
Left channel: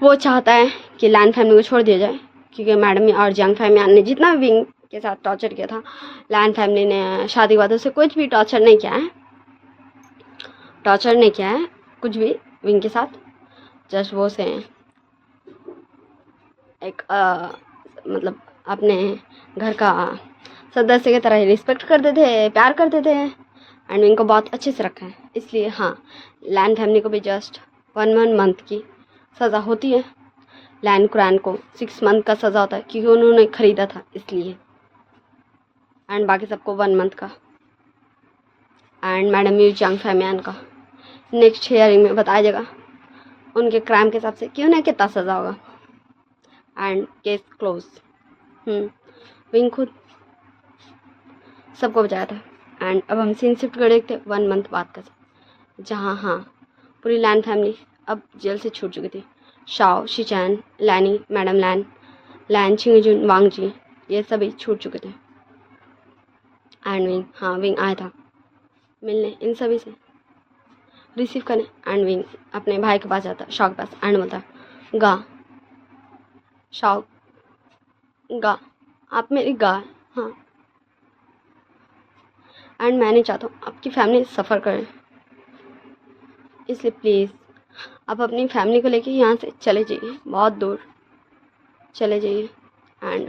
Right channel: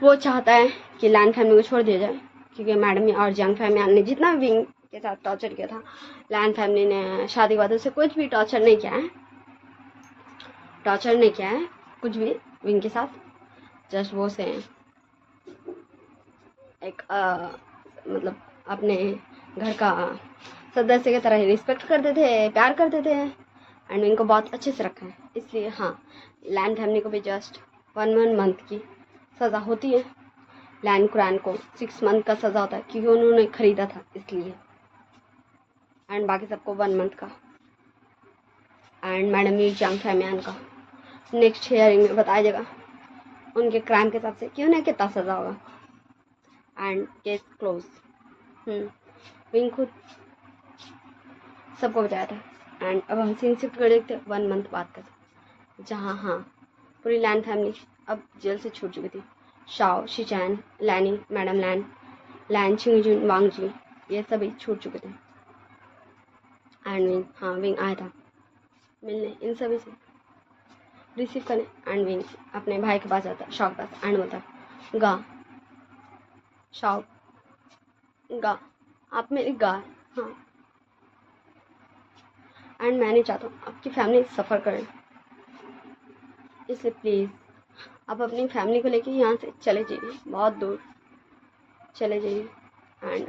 वो चाहता है कि लैन फैमिली को छोड़ दिया जाए, क्योंकि मैडम और जंग फैमिली ने जितना विंग के साथ टॉर्चर किया था, लैन फैमिली ने शादी के बाद उसे कुछ भी टॉर्चर नहीं किया है कुछ भी विंग के साथ। जस्ट वो से एक मतलब अपने घर का सदस्य की तरह ही रिस्पेक्ट करते थे, प्यार करते थे, एंड इनको बहुत अच्छे से रखा है। इसलिए लैन फैमिली को भी जस्ट 1 मंथ की सज़ा होती है, लैन कुरैन को 6 मंथ का सज़ा होता है, क्योंकि उन्होंने ख़रीदा था इसलिए, एंड बाकी सबको 1 मंथ का। एंड मैडम यू, जंग फैमियन का नेक्स्ट हियरिंग में बताया जाएगा उनके क्राइम के हिसाब से कि उन्हें कितना सज़ा होगा। And case close. विंग खुद सबको बचाया था। एंड अब हम सीन शिफ्ट कर देखते 1 मंथ बाद का, जहाँ पूरी लैन फैमिली अब जेल से छूट चुकी थी। शाओ, शिचैन, लैनी, मैडम लैन छिंगजुन, वांगजी, ये सभी छूट चुके थे। एंड विंग आया था मिलने इन सभी से, रिसीव करने। एंड विंग अपने भाई के पास जाता, शाओ के पास, एंड बोलता, गा शाओ, गा आप मेरी गा। एंड मैं नहीं चाहता हूँ आपकी फैमिली सफ़र करे, इसलिए प्लीज़ आप अपनी फैमिली को लेके यहाँ से चले जाइए, बहुत दूर चले जाइए। एंड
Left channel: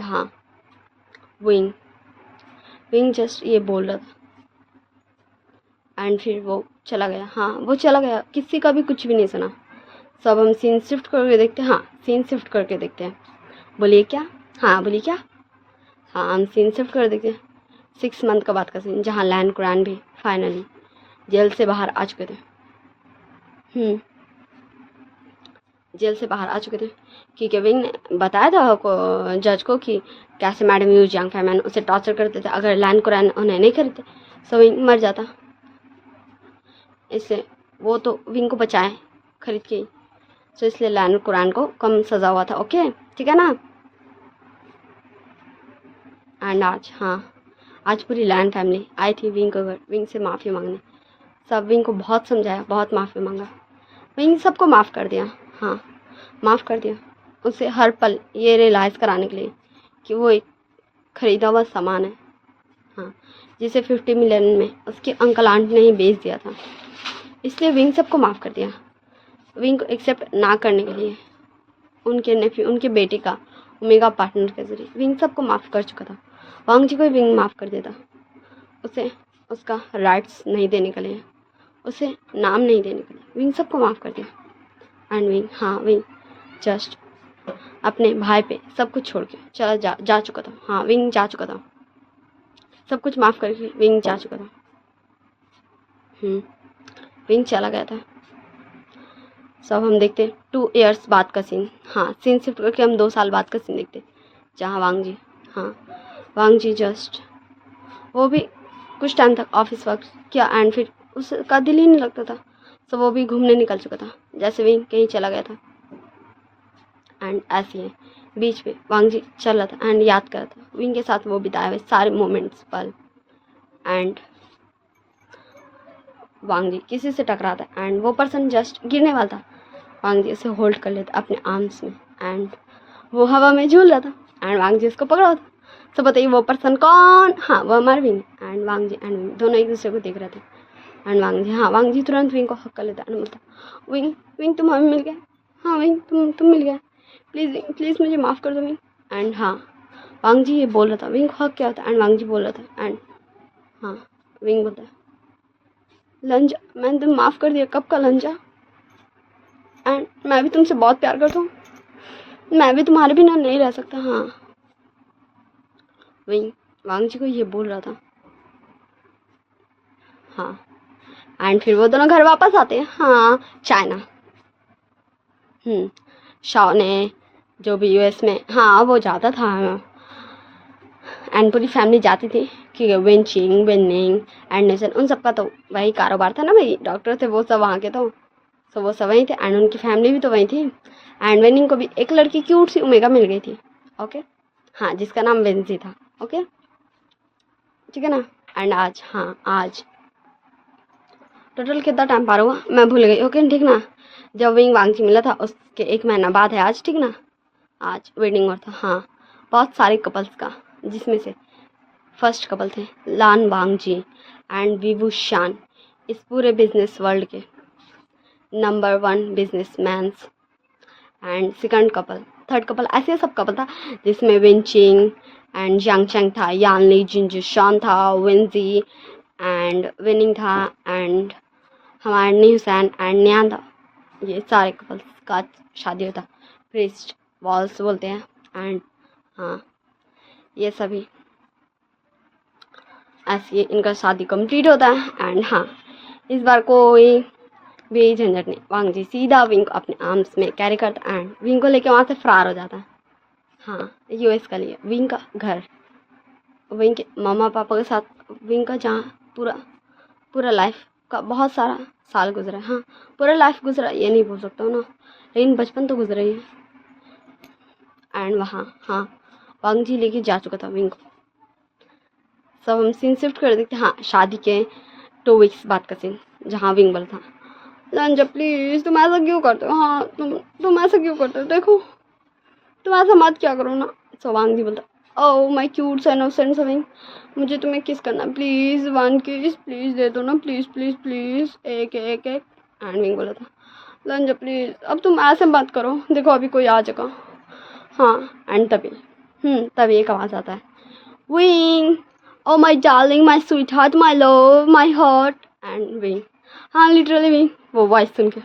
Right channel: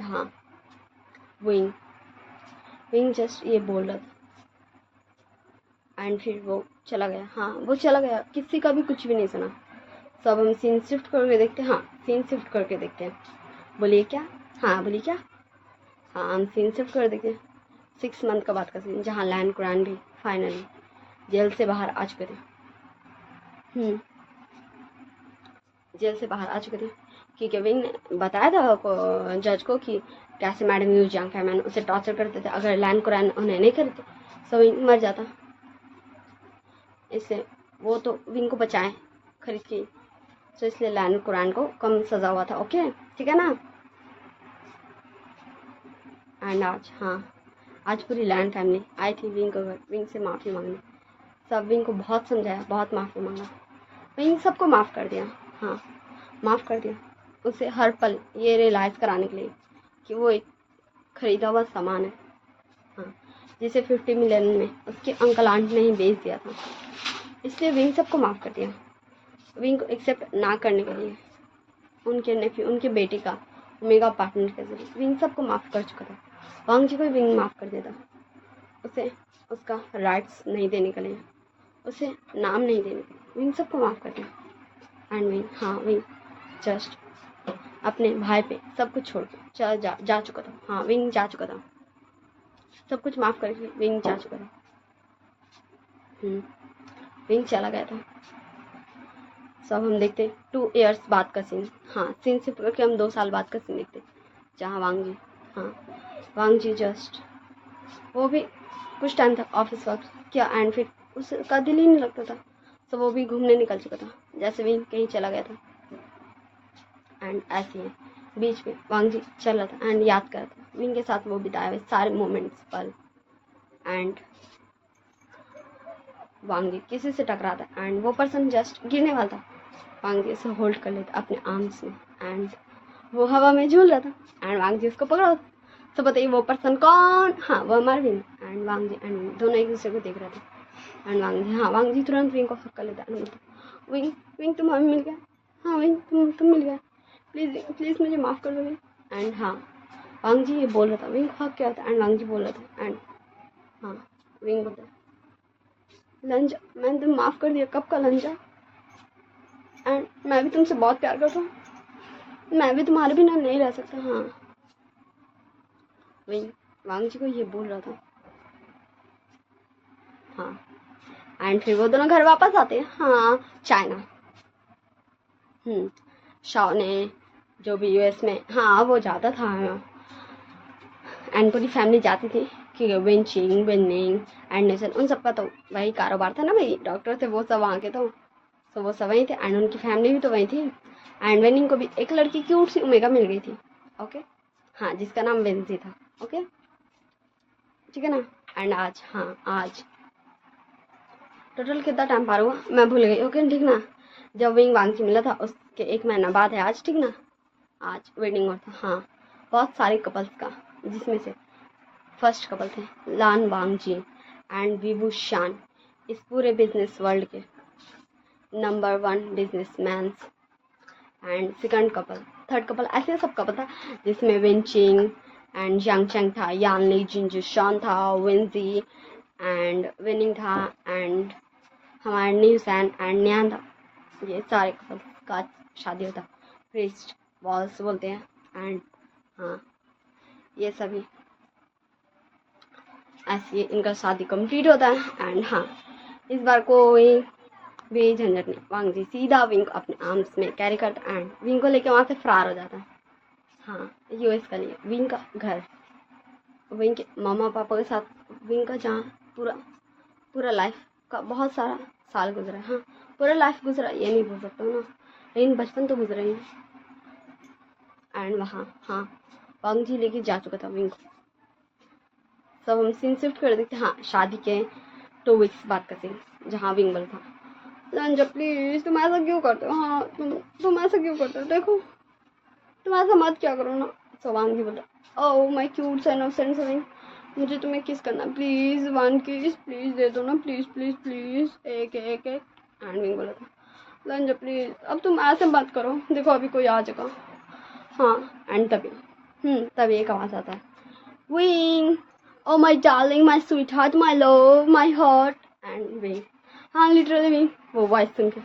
विंग जस्ट ये बोल रहा था, एंड फिर वो चला गया। किसी का भी कुछ भी नहीं सुना। सब हम सीन शिफ्ट करके देखते हैं। सीन शिफ्ट करके देखते हैं। बोलिए क्या? बोलिए क्या? हम सीन शिफ्ट कर देखते हैं 6 मंथ का बात का सीन, जहाँ लैन कुरैन भी फाइनली जेल से बाहर आ चुके थे। जेल से बाहर आ चुके थे क्योंकि विंग ने बताया था जज को कि कैसे मैडम यू, जंग फैमियन उसे टॉर्चर करते थे। अगर लैन कुरैन उन्हें नहीं खरीदते तो विंग मर जाता। इसलिए वो तो विंग को बचाए खरीद के, तो इसलिए लैन कुरैन को कम सज़ा हुआ था। ओके, ठीक है ना? एंड आज पूरी लैन फैमिली आई थी विंग को घर, विंग से माफ़ी मांगने। सब विंग को बहुत समझाया, बहुत माफ़ी मांगा। विंग सबको माफ़ कर दिया। माफ़ कर दिया उसे हर पल ये रियलाइज़ कराने के लिए कि वो एक ख़रीदा हुआ सामान है, जिसे 50 मिलियन में उसके अंकल आंट ने ही बेच दिया था। इसलिए विंग सबको माफ़ कर दिया। विंग को एक्सेप्ट ना करने के लिए उनके नेफ्यू, उनके बेटे का ओमेगा पार्टनर के जरिए विंग सबको माफ़ कर चुका था। वांग जी को विंग माफ़ कर देता, उसे उसका राइट्स नहीं देने के लिए, उसे नाम नहीं देने के लिए विंग सबको माफ़ कर दिया। एंड विंग जस्ट अपने भाई पे सब कुछ छोड़ के चला जा चुका था। विंग जा चुका था, सब कुछ माफ़ करके विंग जा चुका था। विंग चला गया था। सब हम देखते 2 इयर्स बाद का सीन। सीन शिफ्ट करके हम 2 साल बाद का सीन देखते, जहाँ वांग जी जस्ट वो भी कुछ टाइम तक ऑफिस वर्क किया, एंड फिर उसका दिल ही नहीं लगता था, तो वो भी घूमने निकल चुका था, जैसे विंग कहीं चला गया था। एंड ऐसे ही बीच में वांग जी चल रहा था एंड याद कर रहा था विंग के साथ वो बिताए हुए सारे मोमेंट्स पल। एंड वांग जी किसी से टकराता है एंड वो पर्सन जस्ट गिरने वाला था। वांग जी उसे होल्ड कर लेता अपने आर्म्स में एंड वो हवा में झूल रहा था एंड वांग जी उसको पकड़ा था। तो बताइए वो पर्सन कौन? हाँ, वो हमारे Wing. And Wangji and Wing दोनों एक दूसरे को देख रहे थे एंड वांग जी, हाँ, वांग जी तुरंत विंग को हक कर लेता एंड बोलता, विंग विंग तुम हमें मिल गया। हाँ विंग, तुम मिल गया। प्लीज़ विंग, प्लीज़ मुझे माफ़ कर दो विंग। एंड हाँ, वांग जी ये बोल रहा था विंग हक क्या होता है एंड वांग जी बोल रहा था एंड हाँ, विंग बोलता है, लंजा, मैंने तुम माफ़ कर दिया। कब का लंजा? एंड मैं भी तुमसे बहुत प्यार करता हूँ, मैं भी तुम्हारे बिना नहीं रह सकता। हाँ, विंग वांग जी को ये बोल रहा था। हाँ, एंड फिर वो दोनों घर वापस आते हैं। हाँ, चाइना। शाओ ने जो भी यूएस में, हाँ, वो जाता था एंड पूरी फैमिली जाती थी कि विंचिंग विनिंग एंड नेशन, उन सबका तो वही कारोबार था ना भाई, डॉक्टर थे वो सब वहाँ के। तो वो सब वहीं थे एंड उनकी फैमिली भी तो वहीं थी। एंड विनिंग को भी एक लड़की क्यूट सी ओमेगा मिल गई थी। ओके, हाँ, जिसका नाम वेंसी था। ओके, ठीक है ना। एंड आज, हाँ, आज टोटल कितना टाइम पार हुआ मैं भूल गई। ओके, ठीक ना। जब विंग वांग की मिला था उसके 1 महीना बाद है आज, ठीक ना। आज वेडिंग हुआ था। हाँ, बहुत सारे कपल्स का, जिसमें से फर्स्ट कपल थे लान वांग जी एंड विवू शान, इस पूरे बिजनेस वर्ल्ड के number 1 businessman's. And second couple, third couple, ऐसे सब कपल था जिसमें विंचिंग एंड यांग चैंग था, यान ली जिंजू शॉन था, विंजी एंड विनिंग था एंड हमारे नी हुसैन एंड न्यान था। ये सारे कपल्स का शादी होता, प्रिस्ट वॉल्स बोलते हैं। एंड हाँ, ये सभी ऐसे इनका शादी कंप्लीट होता है। एंड हाँ, इस बार कोई भी झंझट नहीं, वांग जी सीधा विंग को अपने आर्म्स में कैरी करता एंड विंग को लेके वहाँ से फरार हो जाता है। हाँ, यूएस का लिए विंग का घर, विंग के मम्मा पापा के साथ विंग का, जहाँ पूरा पूरा लाइफ का बहुत सारा साल गुजरा है। हाँ, पूरा लाइफ गुजरा ये नहीं बोल सकता हूँ ना, लेकिन बचपन तो गुजरा ही है। एंड वहाँ, हाँ, वांग जी लेके जा चुका था विंग को। सब हम सीन शिफ्ट कर देते। हाँ, शादी के 2 वीक्स बाद का सीन, जहाँ विंग बोल था, लंजा प्लीज़ तुम ऐसा क्यों करते हो? हाँ, तुम ऐसा क्यों करते हो? देखो, तुम ऐसा मत क्या करो ना। सो वांग जी बोलता, ओह माय क्यूट सा इनोसेंट विंग, मुझे तुम्हें किस करना, प्लीज़ 1 किस प्लीज़ दे दो ना, प्लीज़ प्लीज़ प्लीज़, एक एक एक। एंड विंग बोला था, लंजा प्लीज़ अब तुम ऐसे बात करो, देखो अभी कोई आ जाएगा। हाँ, एंड तभी एक आवाज़ आता है, wing, O my darling, my sweet heart, my love, my heart. And Wing, हाँ, लिटरली विंग वो वॉइस सुन के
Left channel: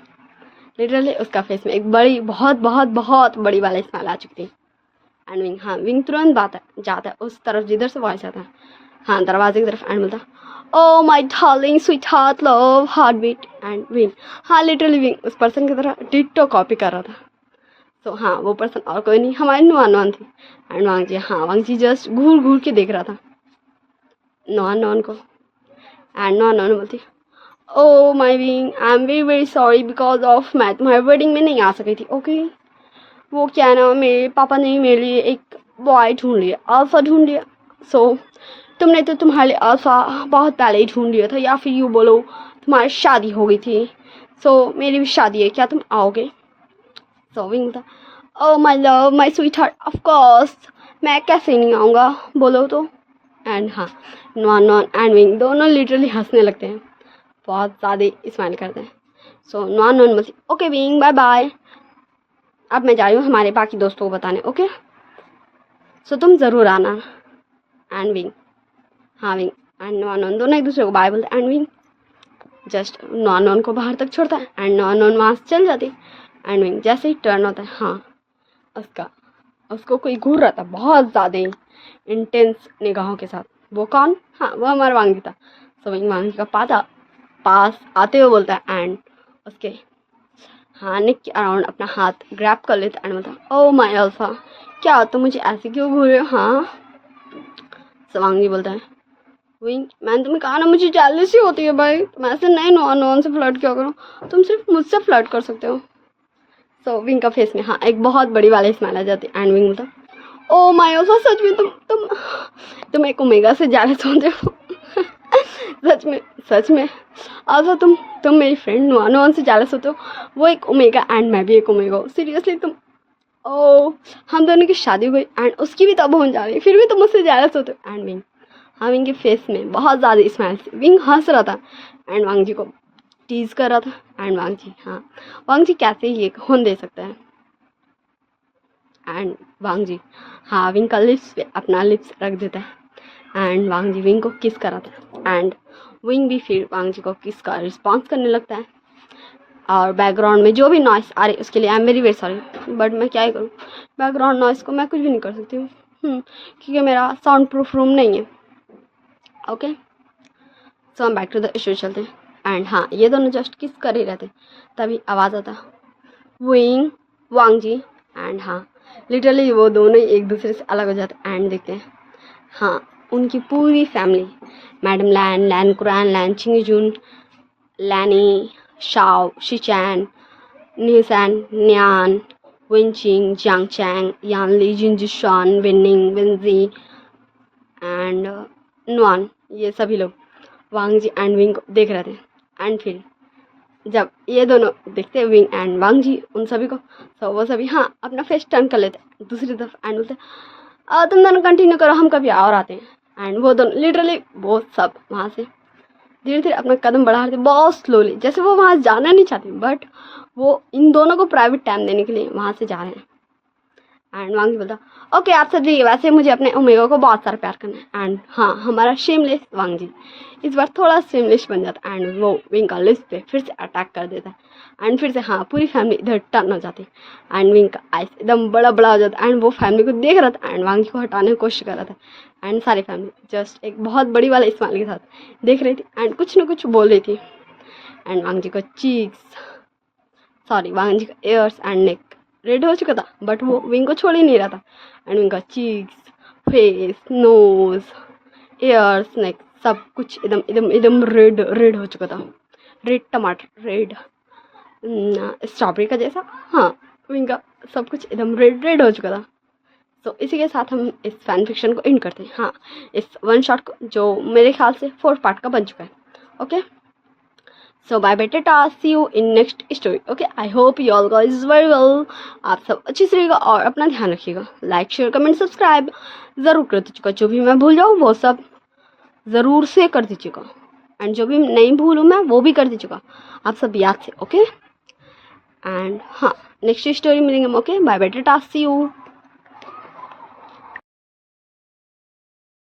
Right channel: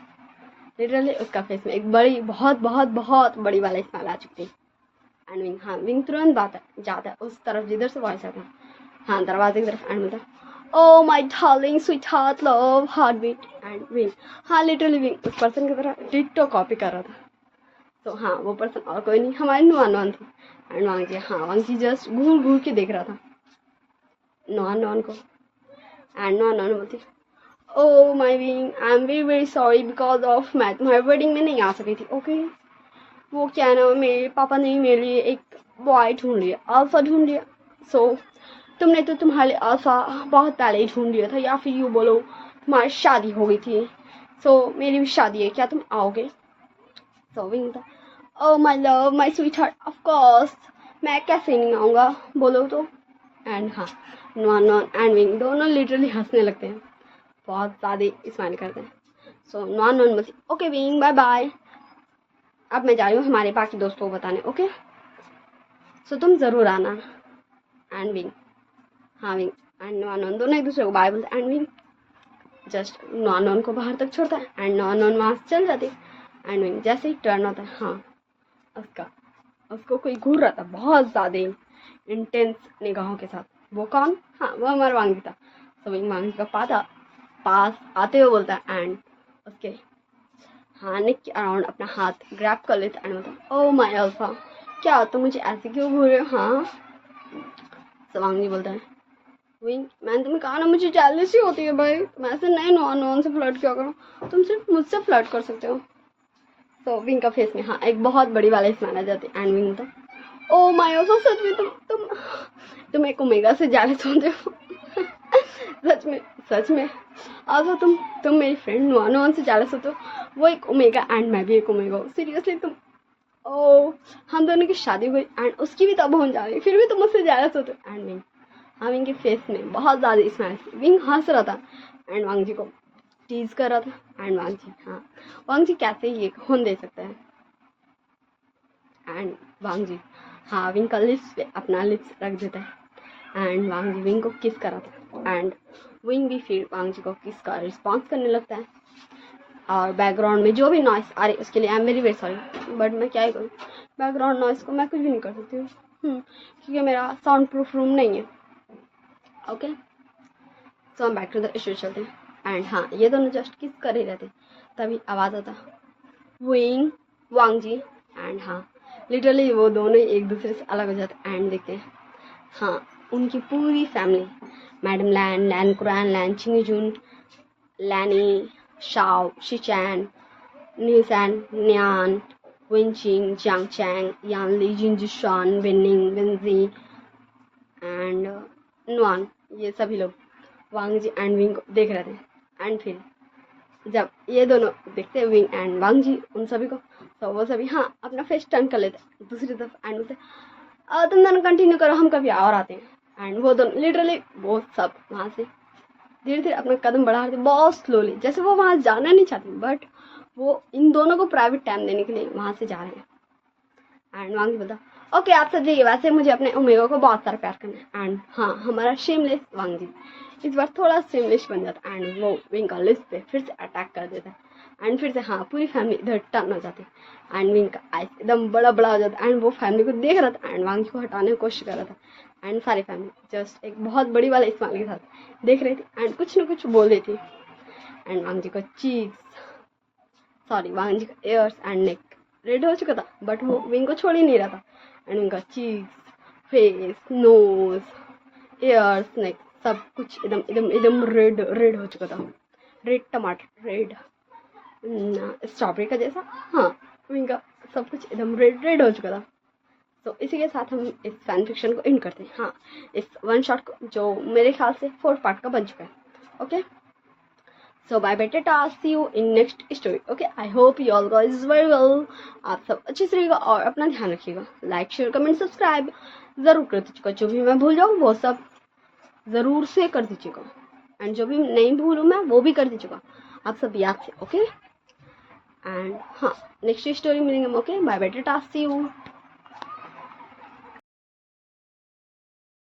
लिटरली उसका फेस में एक बड़ी, बहुत बहुत बहुत बड़ी वाला स्माइल आ चुकी थी। एंड विंग, हाँ, विंग तुरंत जाता है उस तरफ जिधर से वॉइस आता है, हाँ, दरवाजे की तरफ। एंड बोलता, oh my darling sweetheart love heartbeat. And Wing, हाँ, लिटरली विंग उस पर्सन की तरह डिट्टो कॉपी कर रहा था। तो हाँ, वो पर्सन और कोई नहीं, हमारे नुआन थी। एंड वांग जी, हाँ, वांग जी जस्ट घूर घूर के देख रहा था नुआन को। एंड नुआन बोलती, oh my Wing, I am very very sorry because of मैं तुम्हारे वेडिंग में नहीं आ सकी थी। ओके, वो क्या है ना, मेरे पापा ने मेरे लिए एक बॉय ढूंढ लिया, अल्फा ढूंढ लिया। सो तुमने तो तुम्हारे लिए अल्फा बहुत पहले ही ढूंढ लिया था, या फिर यूँ बोलो तुम्हारी शादी हो गई थी। सो मेरी भी शादी है, क्या तुम आओगे? सो विंग था, oh my love my sweet heart, of course, मैं कैसे नहीं आऊँगा, बोलो तो। एंड हाँ, नॉन एंड विंग दोनों लिटरली हंसने लगते हैं, बहुत ज़्यादा स्माइल करते हैं। सो नॉन बोलती, ओके विंग, बाय बाय, अब मैं जा रही हूँ हमारे बाकी दोस्तों को बताने। ओके, सो तुम ज़रूर आना। एंड विंग, हाँ, विंग एंड नॉन दोनों एक दूसरे को बाय बोलते। एंड विंग जस्ट नॉन को बाहर तक छोड़ता है एंड नॉन वहाँ से चल जाती। एंड विंग जैसे ही टर्न होता है, हाँ, उसको कोई घूर रहा था बहुत ज़्यादा इंटेंस निगाहों के साथ। वो कौन? हाँ, वो हमारा वांगी था। सो विंग वांगी का पास आते हुए बोलता है एंड उसके हाँ, नेक के अराउंड अपना हाथ ग्रैब कर लेता एंड बोलता, ओह माय अल्फा, क्या तुम मुझे ऐसे क्यों घूर रहे हो? हाँ, सो वांगी बोलता है, विंग, मैंने तुम्हें कहा ना मुझे जेलसी होती है भाई, तुम ऐसे नहीं नॉन से फ्लर्ट क्यों करो, तुम सिर्फ मुझसे फ्लर्ट कर सकते हो। सो विंग का फेस में, हाँ, एक बहुत बड़ी वाली स्माइल आ जाती है एंड विंग बोलता, ओ माय अल्फा, सच में तुम एक ओमेगा से जेलस होते हो। सच में also तुम मेरी फ्रेंड नुआन से जेलस होते हो। वो एक ओमेगा एंड मैं भी एक ओमेगा हूँ। सीरियसली तुम हम दोनों की शादी हुई एंड उसकी भी तब होने जा रही है, फिर भी तुम मुझसे जेलस होते हो। एंड विंग, हाँ विंग के फेस में बहुत ज़्यादा स्माइल थी। विंग हंस रहा था एंड वांग जी को टीज कर रहा था। एंड वांग जी कैसे ये होने दे सकता है। एंड वांग जी हाँ विंग का लिप्स पे अपना लिप्स रख देता है एंड वांग जी विंग को किस कर रहा था एंड विंग भी फिर वांग जी को किस का रिस्पॉन्स करने लगता है। और बैकग्राउंड में जो भी नॉइस आ रही है उसके लिए आई एम वेरी सॉरी, बट मैं क्या ही करूँ, बैकग्राउंड नॉइस को मैं कुछ भी नहीं कर सकती हूँ क्योंकि मेरा साउंड प्रूफ रूम नहीं है। ओके सो हम बैक टू द इशू चलते हैं। एंड हाँ ये दोनों जस्ट किस कर ही रहते तभी आवाज़ आता विंग वांग जी एंड हाँ लिटरली वो दोनों ही एक दूसरे से अलग हो जाते एंड देखते हैं हाँ उनकी पूरी फैमिली मैडम लैन, लैन कुरान, लैन चिंगजून, लैनी, शाओ, शिचैन, न्यूसैन, न्यान, विंचिंग, जियांग चैंग, यान ली, जिनजिशान, विनिंग, विंजी एंड नुआन, ये सभी लोग वांग जी एंड विंग को देख रहे थे। एंड फिर जब ये दोनों देखते हैं विंग एंड वांग जी उन सभी को, तो वो सभी हाँ अपना फेस टर्न कर लेते हैं दूसरी तरफ एंड बोलते तुम दोनों कंटिन्यू करो, हम कभी और आते हैं। एंड वो दोनों लिटरली वो सब वहाँ से धीरे धीरे अपना कदम बढ़ा रहे थे बहुत स्लोली, जैसे वो वहाँ जाना नहीं चाहते बट वो इन दोनों को प्राइवेट टाइम देने के लिए वहाँ से जा रहे हैं। एंड वांग जी बोलता ओके आप सब जाइए, वैसे मुझे अपने ओमेगा को बहुत सारा प्यार करना है। एंड हाँ हमारा शेमलेस वांग जी इस बार थोड़ा शेमलेस बन जाता है एंड वो विंग का लिस्ट पे फिर से अटैक कर देता है एंड फिर से हाँ पूरी फैमिली इधर टर्न हो जाती है एंड विंग का आइस एकदम बड़ा बड़ा हो जाता है एंड वो फैमिली को देख रहा था एंड वांग जी को हटाने की कोशिश कर रहा था एंड सारी फैमिली जस्ट एक बहुत बड़ी वाला स्माइल के साथ देख रही थी एंड कुछ ना कुछ बोल रही थी। एंड वांग जी को वांग जी का एयर्स एंड नेक रेड हो चुका था बट वो विंग को छोड़ ही नहीं रहा था एंड विंग का चीक्स, फेस, नोज, एयर्स, नेक सब कुछ एकदम एकदम एकदम रेड हो चुका था। रेड टमाटर, रेड स्ट्रॉबेरी का जैसा, हाँ विंग का सब कुछ एकदम रेड हो चुका था। तो इसी के साथ हम इस फैन फिक्शन को एंड करते हैं। हाँ इस वन शॉट को जो मेरे ख्याल से 4 पार्ट का बन चुका है। Okay so bye bye tata, see you in next story. Okay I hope you all guys very well. आप सब अच्छे से रहिएगा और अपना ध्यान रखिएगा। लाइक शेयर कमेंट सब्सक्राइब ज़रूर कर दीजिएगा, जो भी मैं भूल जाऊँ वो सब ज़रूर से कर दीजिएगा एंड जो भी नहीं भूलूँ मैं वो भी कर दीजिएगा आप सब याद से। ओके एंड हाँ नेक्स्ट स्टोरी मिलेंगे हम। Okay bye bye tata, see you.